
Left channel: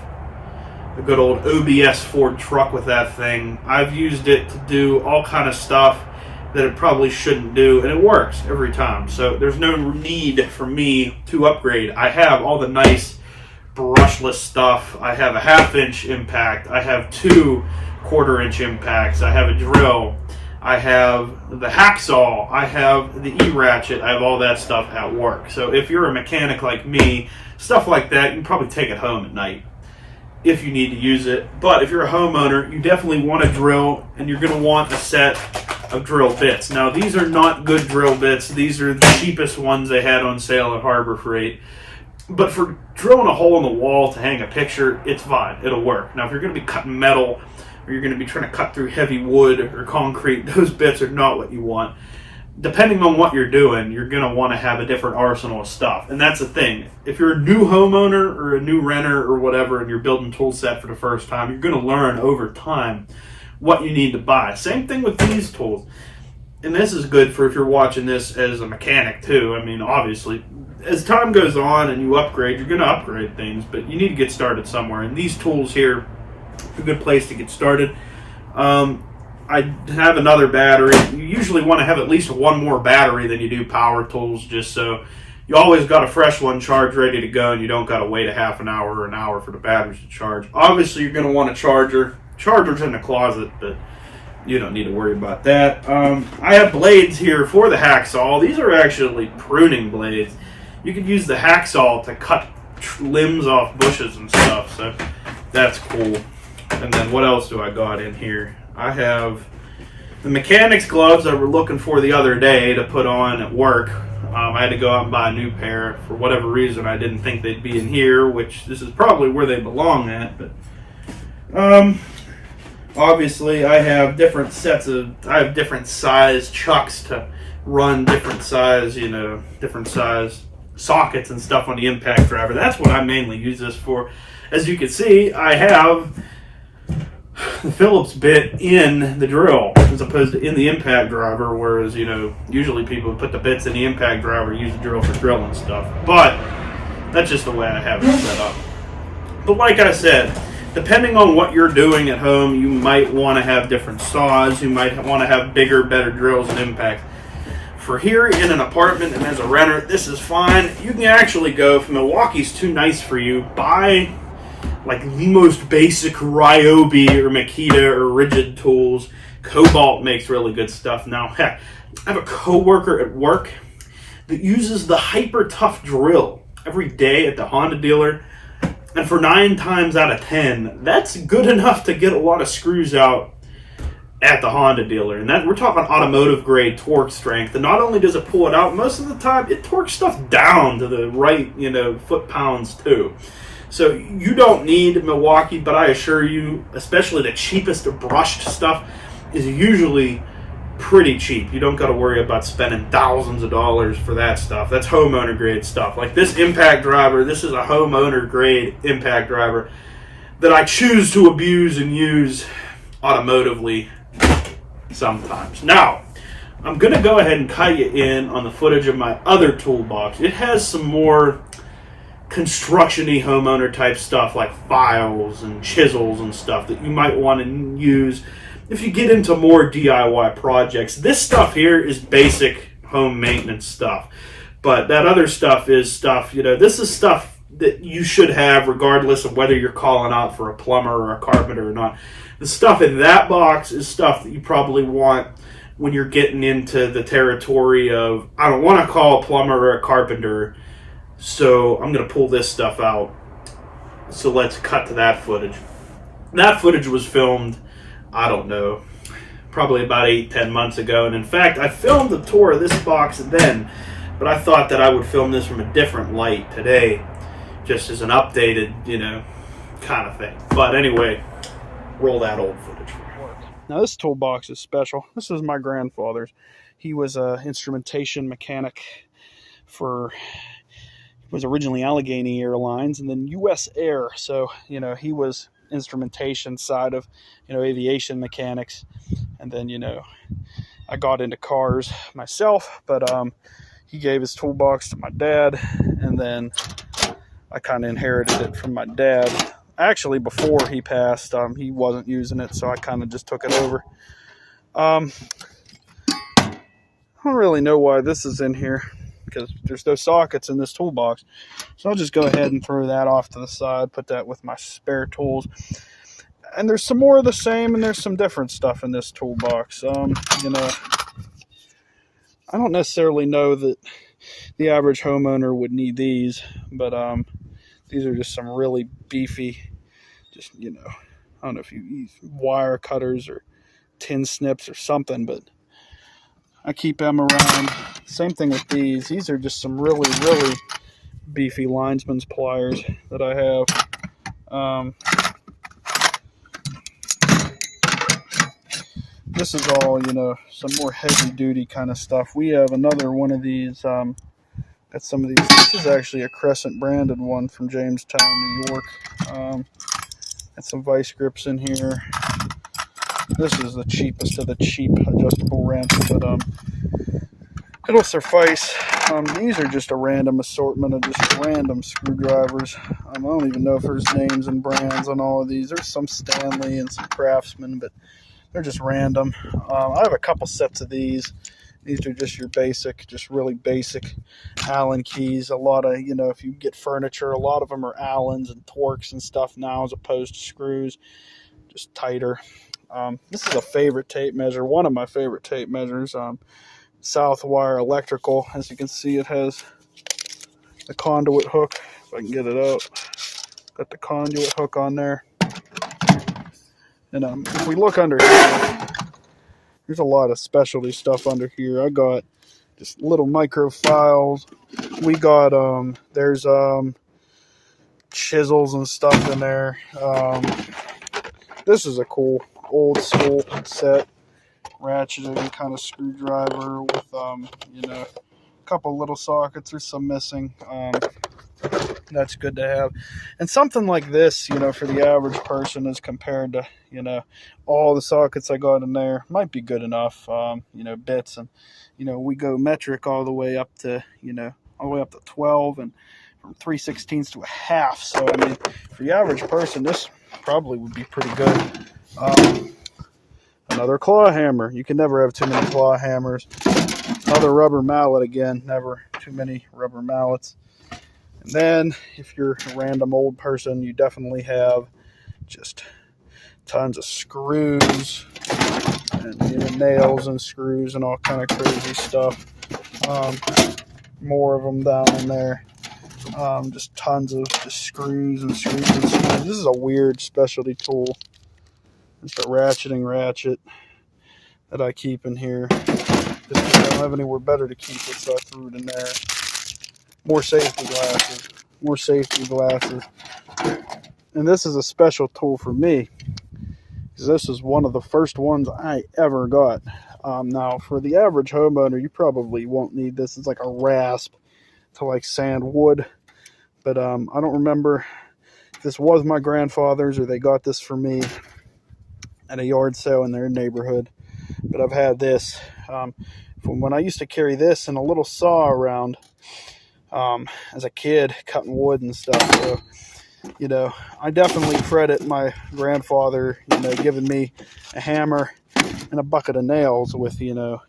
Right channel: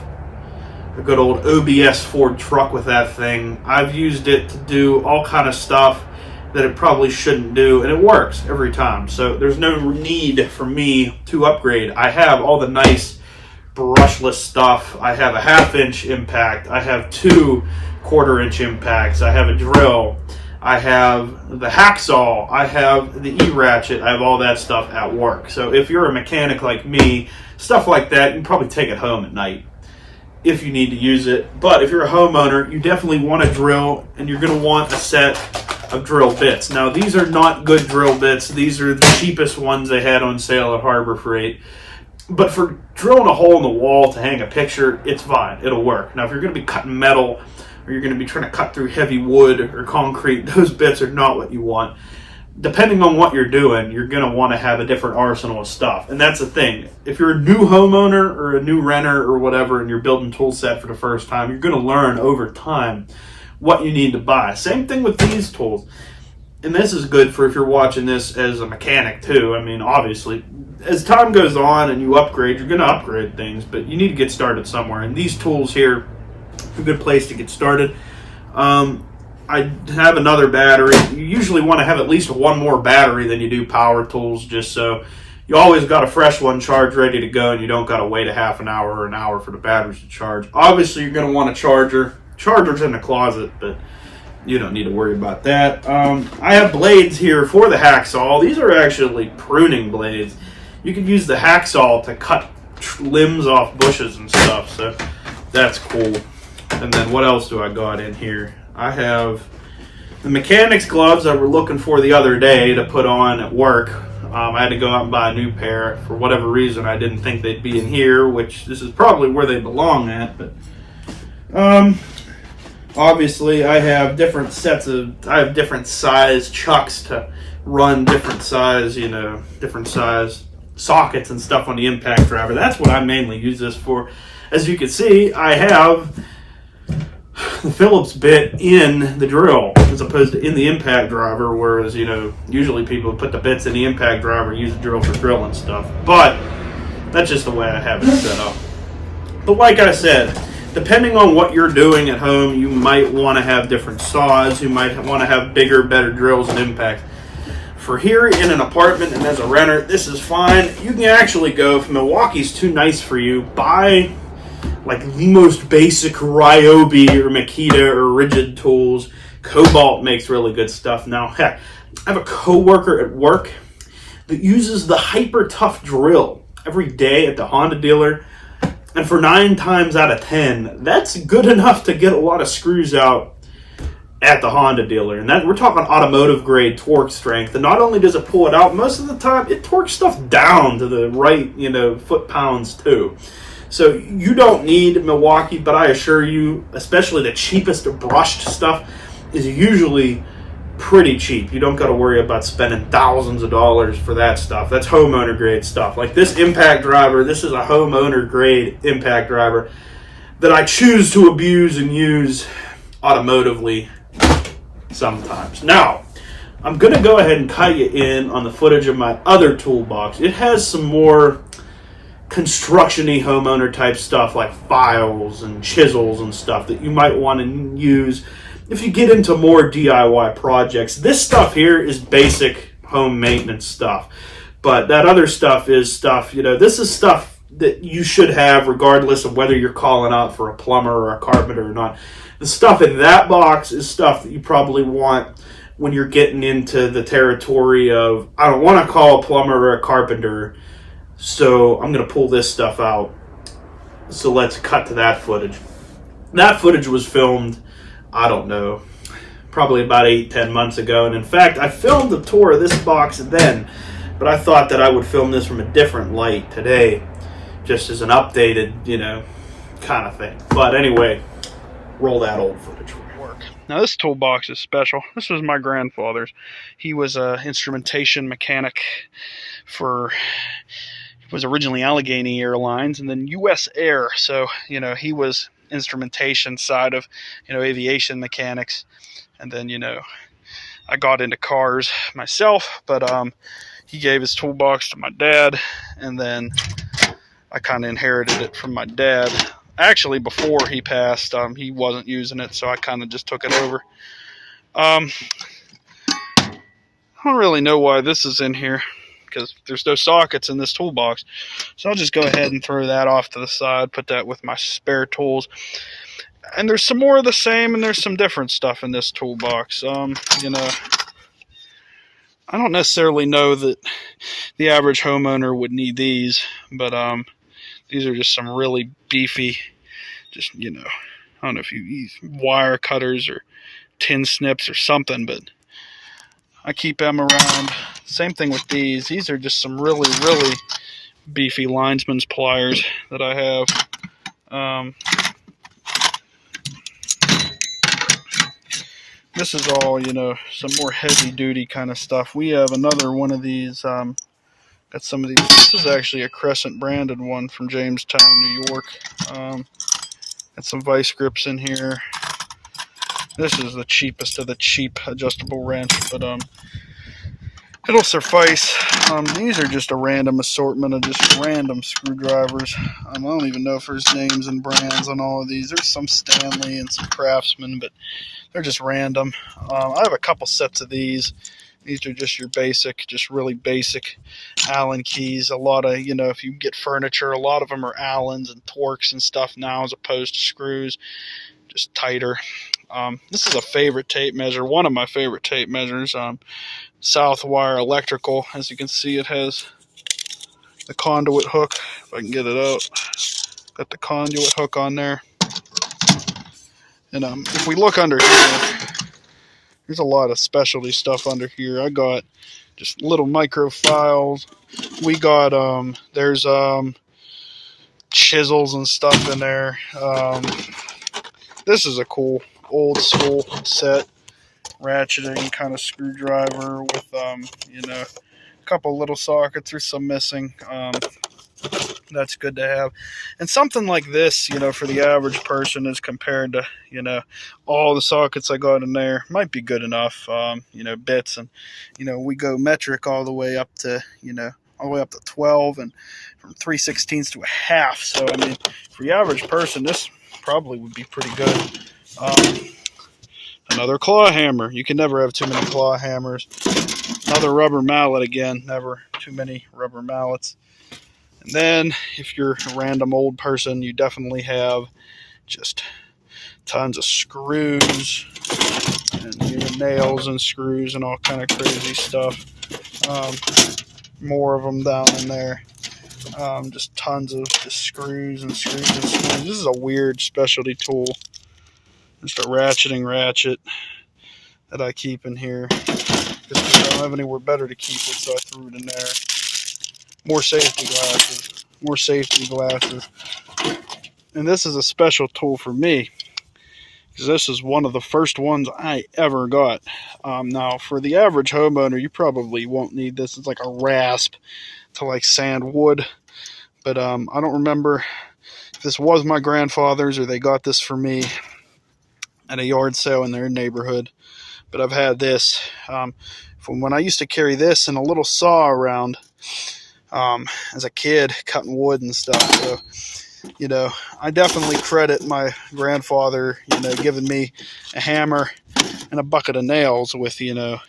a good old OBS Ford truck with that thing. I've used it to do all kind of stuff that it probably shouldn't do, and it works every time. So there's no need for me to upgrade. I have all the nice brushless stuff. I have a 1/2-inch impact. I have 2 1/4-inch impacts. I have a drill. I have the hacksaw. I have the E-ratchet. I have all that stuff at work. So if you're a mechanic like me, stuff like that, you can probably take it home at night if you need to use it. But if you're a homeowner, you definitely want a drill, and you're going to want a set of drill bits. Now, these are not good drill bits. These are the cheapest ones they had on sale at Harbor Freight. But for drilling a hole in the wall to hang a picture, it's fine. It'll work. Now, if you're going to be cutting metal, or you're going to be trying to cut through heavy wood or concrete, those bits are not what you want. Depending on what you're doing, you're going to want to have a different arsenal of stuff. And that's the thing. If you're a new homeowner or a new renter or whatever, and you're building tool set for the first time, you're going to learn over time what you need to buy. Same thing with these tools. And this is good for if you're watching this as a mechanic too. I mean, obviously, as time goes on and you upgrade, you're going to upgrade things, but you need to get started somewhere. And these tools here are a good place to get started. I have another battery. You usually want to have at least one more battery than you do power tools, just so you always got a fresh one charged ready to go and you don't got to wait a half an hour or an hour for the batteries to charge. Obviously, you're going to want a charger. Charger's in the closet, but you don't need to worry about that. I have blades here for the hacksaw. These are actually pruning blades. You can use the hacksaw to cut limbs off bushes and stuff, so that's cool. And then what else do I got in here? I have The mechanics gloves I were looking for the other day to put on at work, I had to go out and buy a new pair. For whatever reason, I didn't think they'd be in here, which this is probably where they belong at. But obviously, I have different size chucks to run different size sockets and stuff on the impact driver. That's what I mainly use this for. As you can see, I have the Phillips bit in the drill as opposed to in the impact driver, whereas usually people put the bits in the impact driver and use the drill for drilling stuff. But that's just the way I have it set up. But like I said, depending on what you're doing at home, you might want to have different saws. You might want to have bigger, better drills and impact. For here in an apartment and as a renter, this is fine. You can actually go, if Milwaukee's too nice for you, buy like the most basic Ryobi or Makita or Rigid tools. Cobalt makes really good stuff. Now, heck, I have a coworker at work that uses the Hyper Tough drill every day at the Honda dealer. And for 9 times out of 10, that's good enough to get a lot of screws out at the Honda dealer. And that we're talking automotive grade torque strength. And not only does it pull it out, most of the time it torques stuff down to the right, foot-pounds too. So you don't need Milwaukee, but I assure you, especially the cheapest brushed stuff is usually pretty cheap. You don't got to worry about spending thousands of dollars for that stuff. That's homeowner grade stuff. Like this impact driver, this is a homeowner grade impact driver that I choose to abuse and use automotively sometimes. Now, I'm going to go ahead and cut you in on the footage of my other toolbox. It has some more construction-y homeowner type stuff like files and chisels and stuff that you might want to use if you get into more DIY projects. This stuff here is basic home maintenance stuff, but that other stuff is stuff, this is stuff that you should have regardless of whether you're calling out for a plumber or a carpenter or not. The stuff in that box is stuff that you probably want when you're getting into the territory of, I don't want to call a plumber or a carpenter, so I'm going to pull this stuff out. So let's cut to that footage. That footage was filmed, I don't know, probably about 8-10 months ago. And in fact, I filmed a tour of this box then, but I thought that I would film this from a different light today, just as an updated, kind of thing. But anyway, roll that old footage for me. Now this toolbox is special. This was my grandfather's. He was an instrumentation mechanic for... was originally Allegheny Airlines and then U.S. Air. So, he was instrumentation side of, aviation mechanics. And then, I got into cars myself, but he gave his toolbox to my dad, and then I kind of inherited it from my dad. Actually, before he passed, he wasn't using it, so I kind of just took it over. I don't really know why this is in here, because there's no sockets in this toolbox. So I'll just go ahead and throw that off to the side, put that with my spare tools. And there's some more of the same, and there's some different stuff in this toolbox. I don't necessarily know that the average homeowner would need these, but these are just some really beefy, I don't know if you use wire cutters or tin snips or something, but I keep them around. Same thing with these. These are just some really, really beefy linesman's pliers that I have. This is all, some more heavy duty kind of stuff. We have another one of these. Got some of these. This is actually a Crescent branded one from Jamestown, New York. Got some vice grips in here. This is the cheapest of the cheap adjustable wrench, but it'll suffice. These are just a random assortment of just random screwdrivers. I don't even know if there's names and brands on all of these. There's some Stanley and some Craftsman, but they're just random. I have a couple sets of these. These are just your basic, just really basic Allen keys. A lot of, if you get furniture, a lot of them are Allens and Torx and stuff now as opposed to screws, just tighter. This is a favorite tape measure, one of my favorite tape measures. Southwire Electrical. As you can see, it has the conduit hook. If I can get it out, got the conduit hook on there. And if we look under here, There's a lot of specialty stuff under here. I got just little micro files. We got there's chisels and stuff in there. This is a cool old school set, ratcheting kind of screwdriver with you know, a couple little sockets. There's some missing. That's good to have. And something like this, you know, for the average person, as compared to, you know, all the sockets I got in there, might be good enough. You know, bits, and, you know, we go metric all the way up to, you know, all the way up to 12, and from 3/16 to a half. So I mean, for the average person, this probably would be pretty good. Another claw hammer. You can never have too many claw hammers. Another rubber mallet again. Never too many rubber mallets. And then, if you're a random old person, you definitely have just tons of screws and, you know, nails and screws and all kind of crazy stuff. More of them down in there. Just tons of just screws and screws and screws. This is a weird specialty tool. Just a ratcheting ratchet that I keep in here. Just I don't have anywhere better to keep it, so I threw it in there. More safety glasses. More safety glasses. And this is a special tool for me, because this is one of the first ones I ever got. Now, for the average homeowner, you probably won't need this. It's like a rasp to like sand wood. But I don't remember if this was my grandfather's or they got this for me at a yard sale in their neighborhood. But I've had this from when I used to carry this and a little saw around as a kid, cutting wood and stuff. So, you know, I definitely credit my grandfather, you know, giving me a hammer and a bucket of nails with, you know,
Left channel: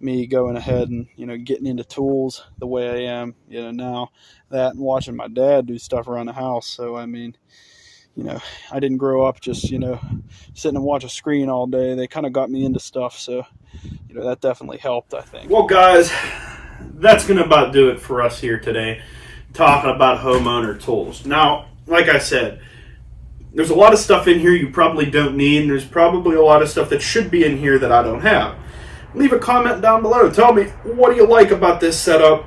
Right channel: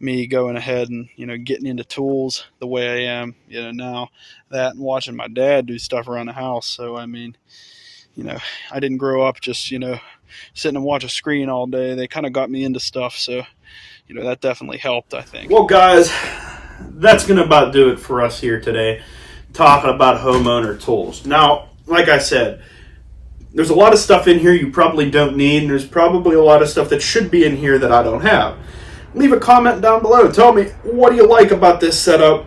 me going ahead and, you know, getting into tools the way I am, you know, now. That and watching my dad do stuff around the house. So, I mean, you know, I didn't grow up just, you know, sitting and watch a screen all day. They kind of got me into stuff. So, you know, that definitely helped, I think. Well, guys, that's going to about do it for us here today, talking about homeowner tools. Now, like I said, there's a lot of stuff in here you probably don't need, and there's probably a lot of stuff that should be in here that I don't have. Leave a comment down below. Tell me, what do you like about this setup?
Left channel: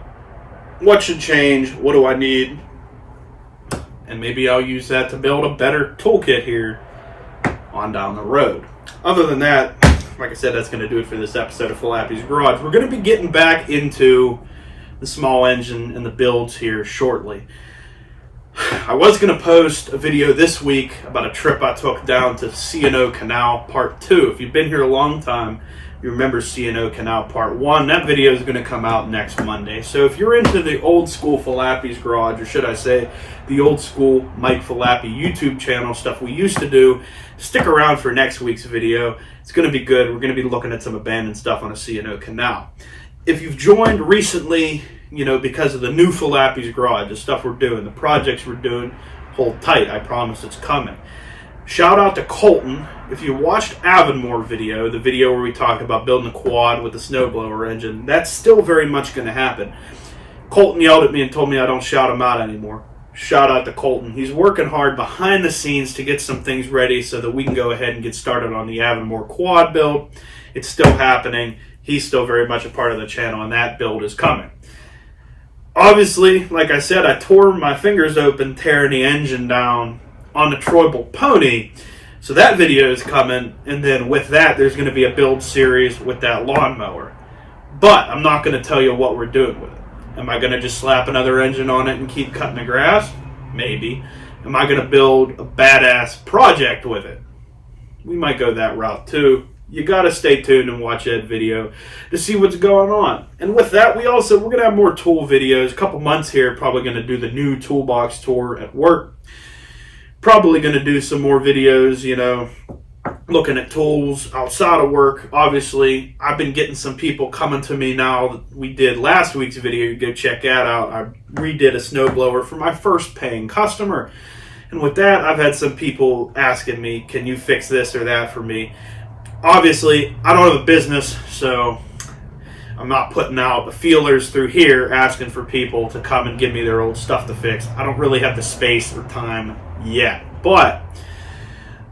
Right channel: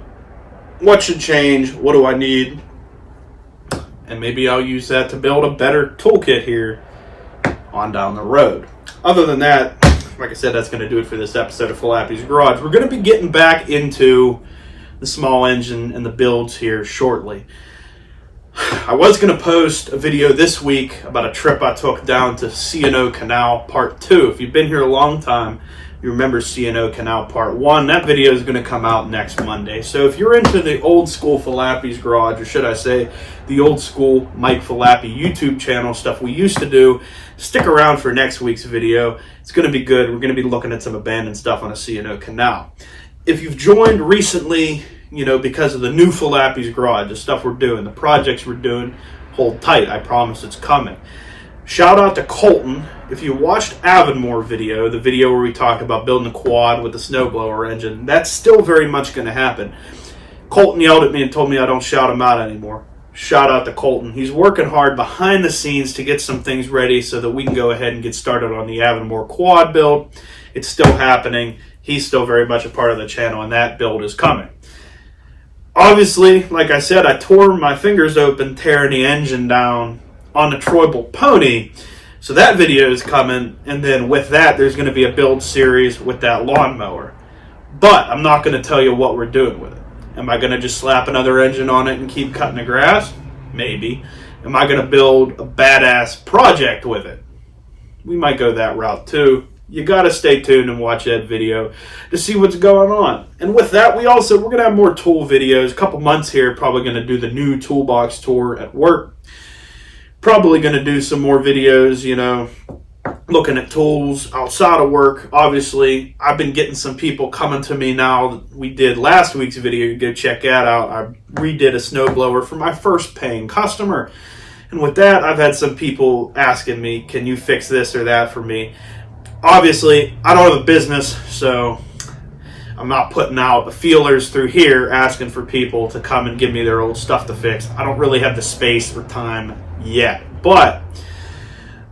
What should change? What do I need? And maybe I'll use that to build a better toolkit here on down the road. Other than that, like I said, that's going to do it for this episode of Falappi's Garage. We're going to be getting back into the small engine and the builds here shortly. I was going to post a video this week about a trip I took down to C&O Canal Part 2. If you've been here a long time, you remember C&O Canal Part 1. That video is going to come out next Monday. So if you're into the old school Falappi's Garage, or should I say the old school Mike Falappi YouTube channel, stuff we used to do, stick around for next week's video. It's going to be good. We're going to be looking at some abandoned stuff on a C&O Canal. If you've joined recently, you know, because of the new Falappi's Garage, the stuff we're doing, the projects we're doing, hold tight. I promise it's coming. Shout out to Colton. If you watched Avonmore video, the video where we talked about building a quad with a snowblower engine, that's still very much going to happen. Colton yelled at me and told me I don't shout him out anymore. Shout out to Colton. He's working hard behind the scenes to get some things ready so that we can go ahead and get started on the Avonmore quad build. It's still happening. He's still very much a part of the channel, and that build is coming. Obviously, like I said, I tore my fingers open tearing the engine down on the Troyble Pony. So that video is coming, and then with that, there's going to be a build series with that lawnmower. But I'm not going to tell you what we're doing with it. Am I going to just slap another engine on it and keep cutting the grass? Maybe. Am I going to build a badass project with it? We might go that route too. You got to stay tuned and watch that video to see what's going on. And with that, we're going to have more tool videos. A couple months here, probably going to do the new toolbox tour at work. Probably going to do some more videos, you know, looking at tools outside of work. Obviously, I've been getting some people coming to me now. That we did last week's video. You go check that out. I redid a snowblower for my first paying customer. And with that, I've had some people asking me, can you fix this or that for me? Obviously, I don't have a business, so I'm not putting out the feelers through here asking for people to come and give me their old stuff to fix. I don't really have the space or time yet. But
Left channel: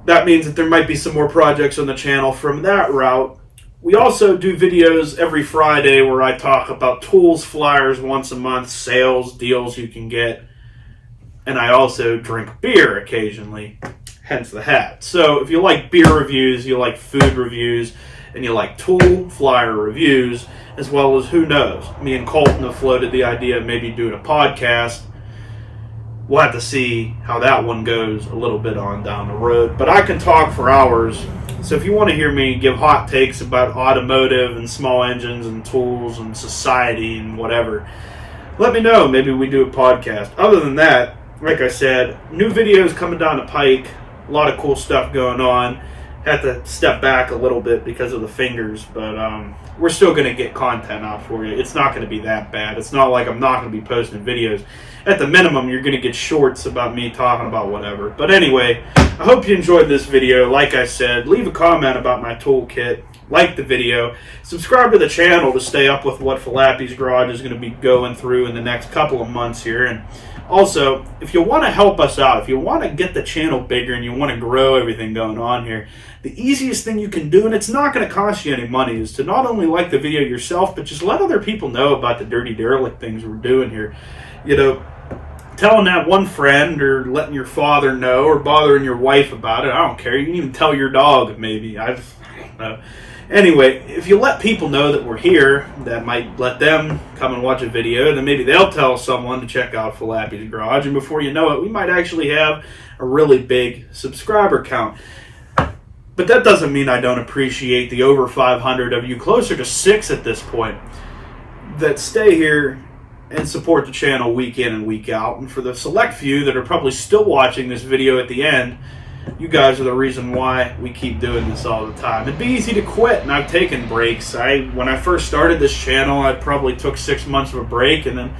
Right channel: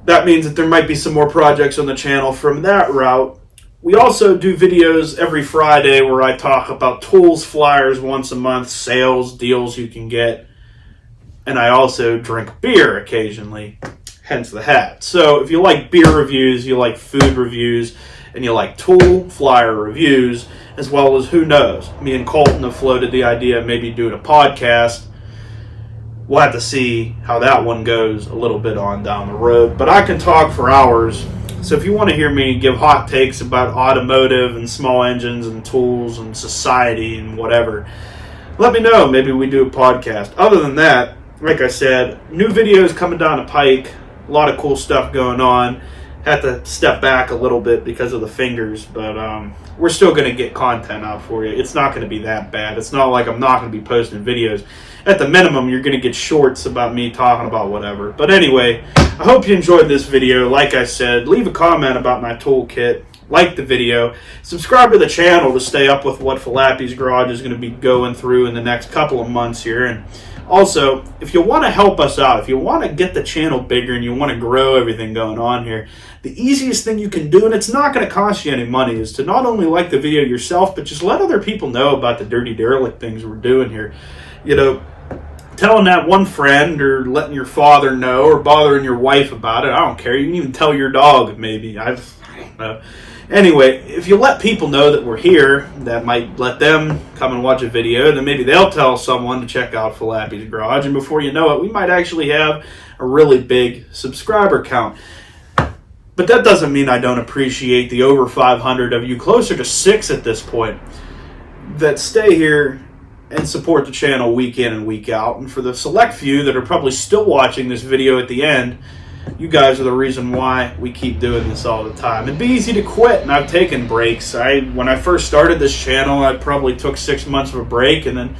that means that there might be some more projects on the channel from that route. We also do videos every Friday where I talk about tools, flyers once a month, sales, deals you can get. And I also drink beer occasionally, hence the hat. So if you like beer reviews, you like food reviews, and you like tool, flyer reviews, as well as, who knows, me and Colton have floated the idea of maybe doing a podcast. We'll have to see how that one goes a little bit on down the road. But I can talk for hours. So if you want to hear me give hot takes about automotive and small engines and tools and society and whatever, let me know. Maybe we do a podcast. Other than that, like I said, new videos coming down the pike. A lot of cool stuff going on. Had to step back a little bit because of the fingers, but we're still going to get content out for you. It's not going to be that bad. It's not like I'm not going to be posting videos. At the minimum, you're going to get shorts about me talking about whatever. But anyway, I hope you enjoyed this video. Like I said, leave a comment about my toolkit. Like the video. Subscribe to the channel to stay up with what Falappi's Garage is going to be going through in the next couple of months here. And also, if you want to help us out, if you want to get the channel bigger and you want to grow everything going on here, the easiest thing you can do, and it's not going to cost you any money, is to not only like the video yourself, but just let other people know about the dirty derelict things we're doing here. You know, telling that one friend, or letting your father know, or bothering your wife about it. I don't care. You can even tell your dog, maybe. I don't know. Anyway, if you let people know that we're here, that might let them come and watch a video, then maybe they'll tell someone to check out Falappi's Garage, and before you know it, we might actually have a really big subscriber count. But that doesn't mean I don't appreciate the over 500 of you, closer to 6 at this point, that stay here and support the channel week in and week out. And for the select few that are probably still watching this video at the end, you guys are the reason why we keep doing this all the time. It'd be easy to quit, and I've taken breaks. When I first started this channel, I probably took 6 months of a break, and then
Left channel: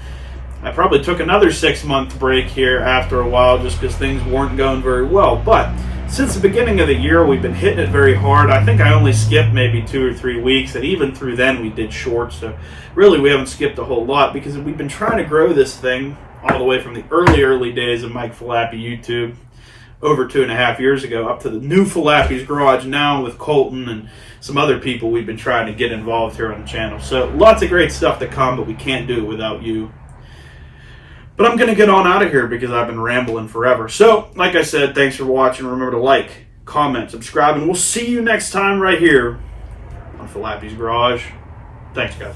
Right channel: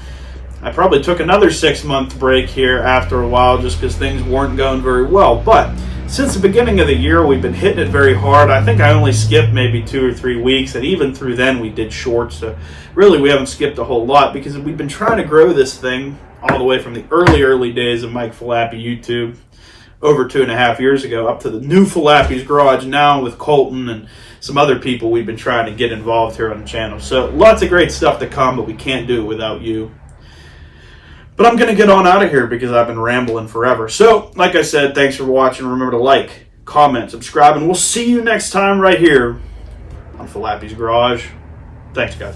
I probably took another 6-month break here after a while just because things weren't going very well. But since the beginning of the year, we've been hitting it very hard. I think I only skipped maybe 2 or 3 weeks, and even through then we did shorts. So really we haven't skipped a whole lot because we've been trying to grow this thing all the way from the early days of Mike Falappi YouTube over 2.5 years ago up to the new Falappi's Garage now with Colton and some other people we've been trying to get involved here on the channel. So lots of great stuff to come, but we can't do it without you. But I'm going to get on out of here because I've been rambling forever. So, like I said, thanks for watching. Remember to like, comment, subscribe, and we'll see you next time right here on Falappi's Garage. Thanks, guys.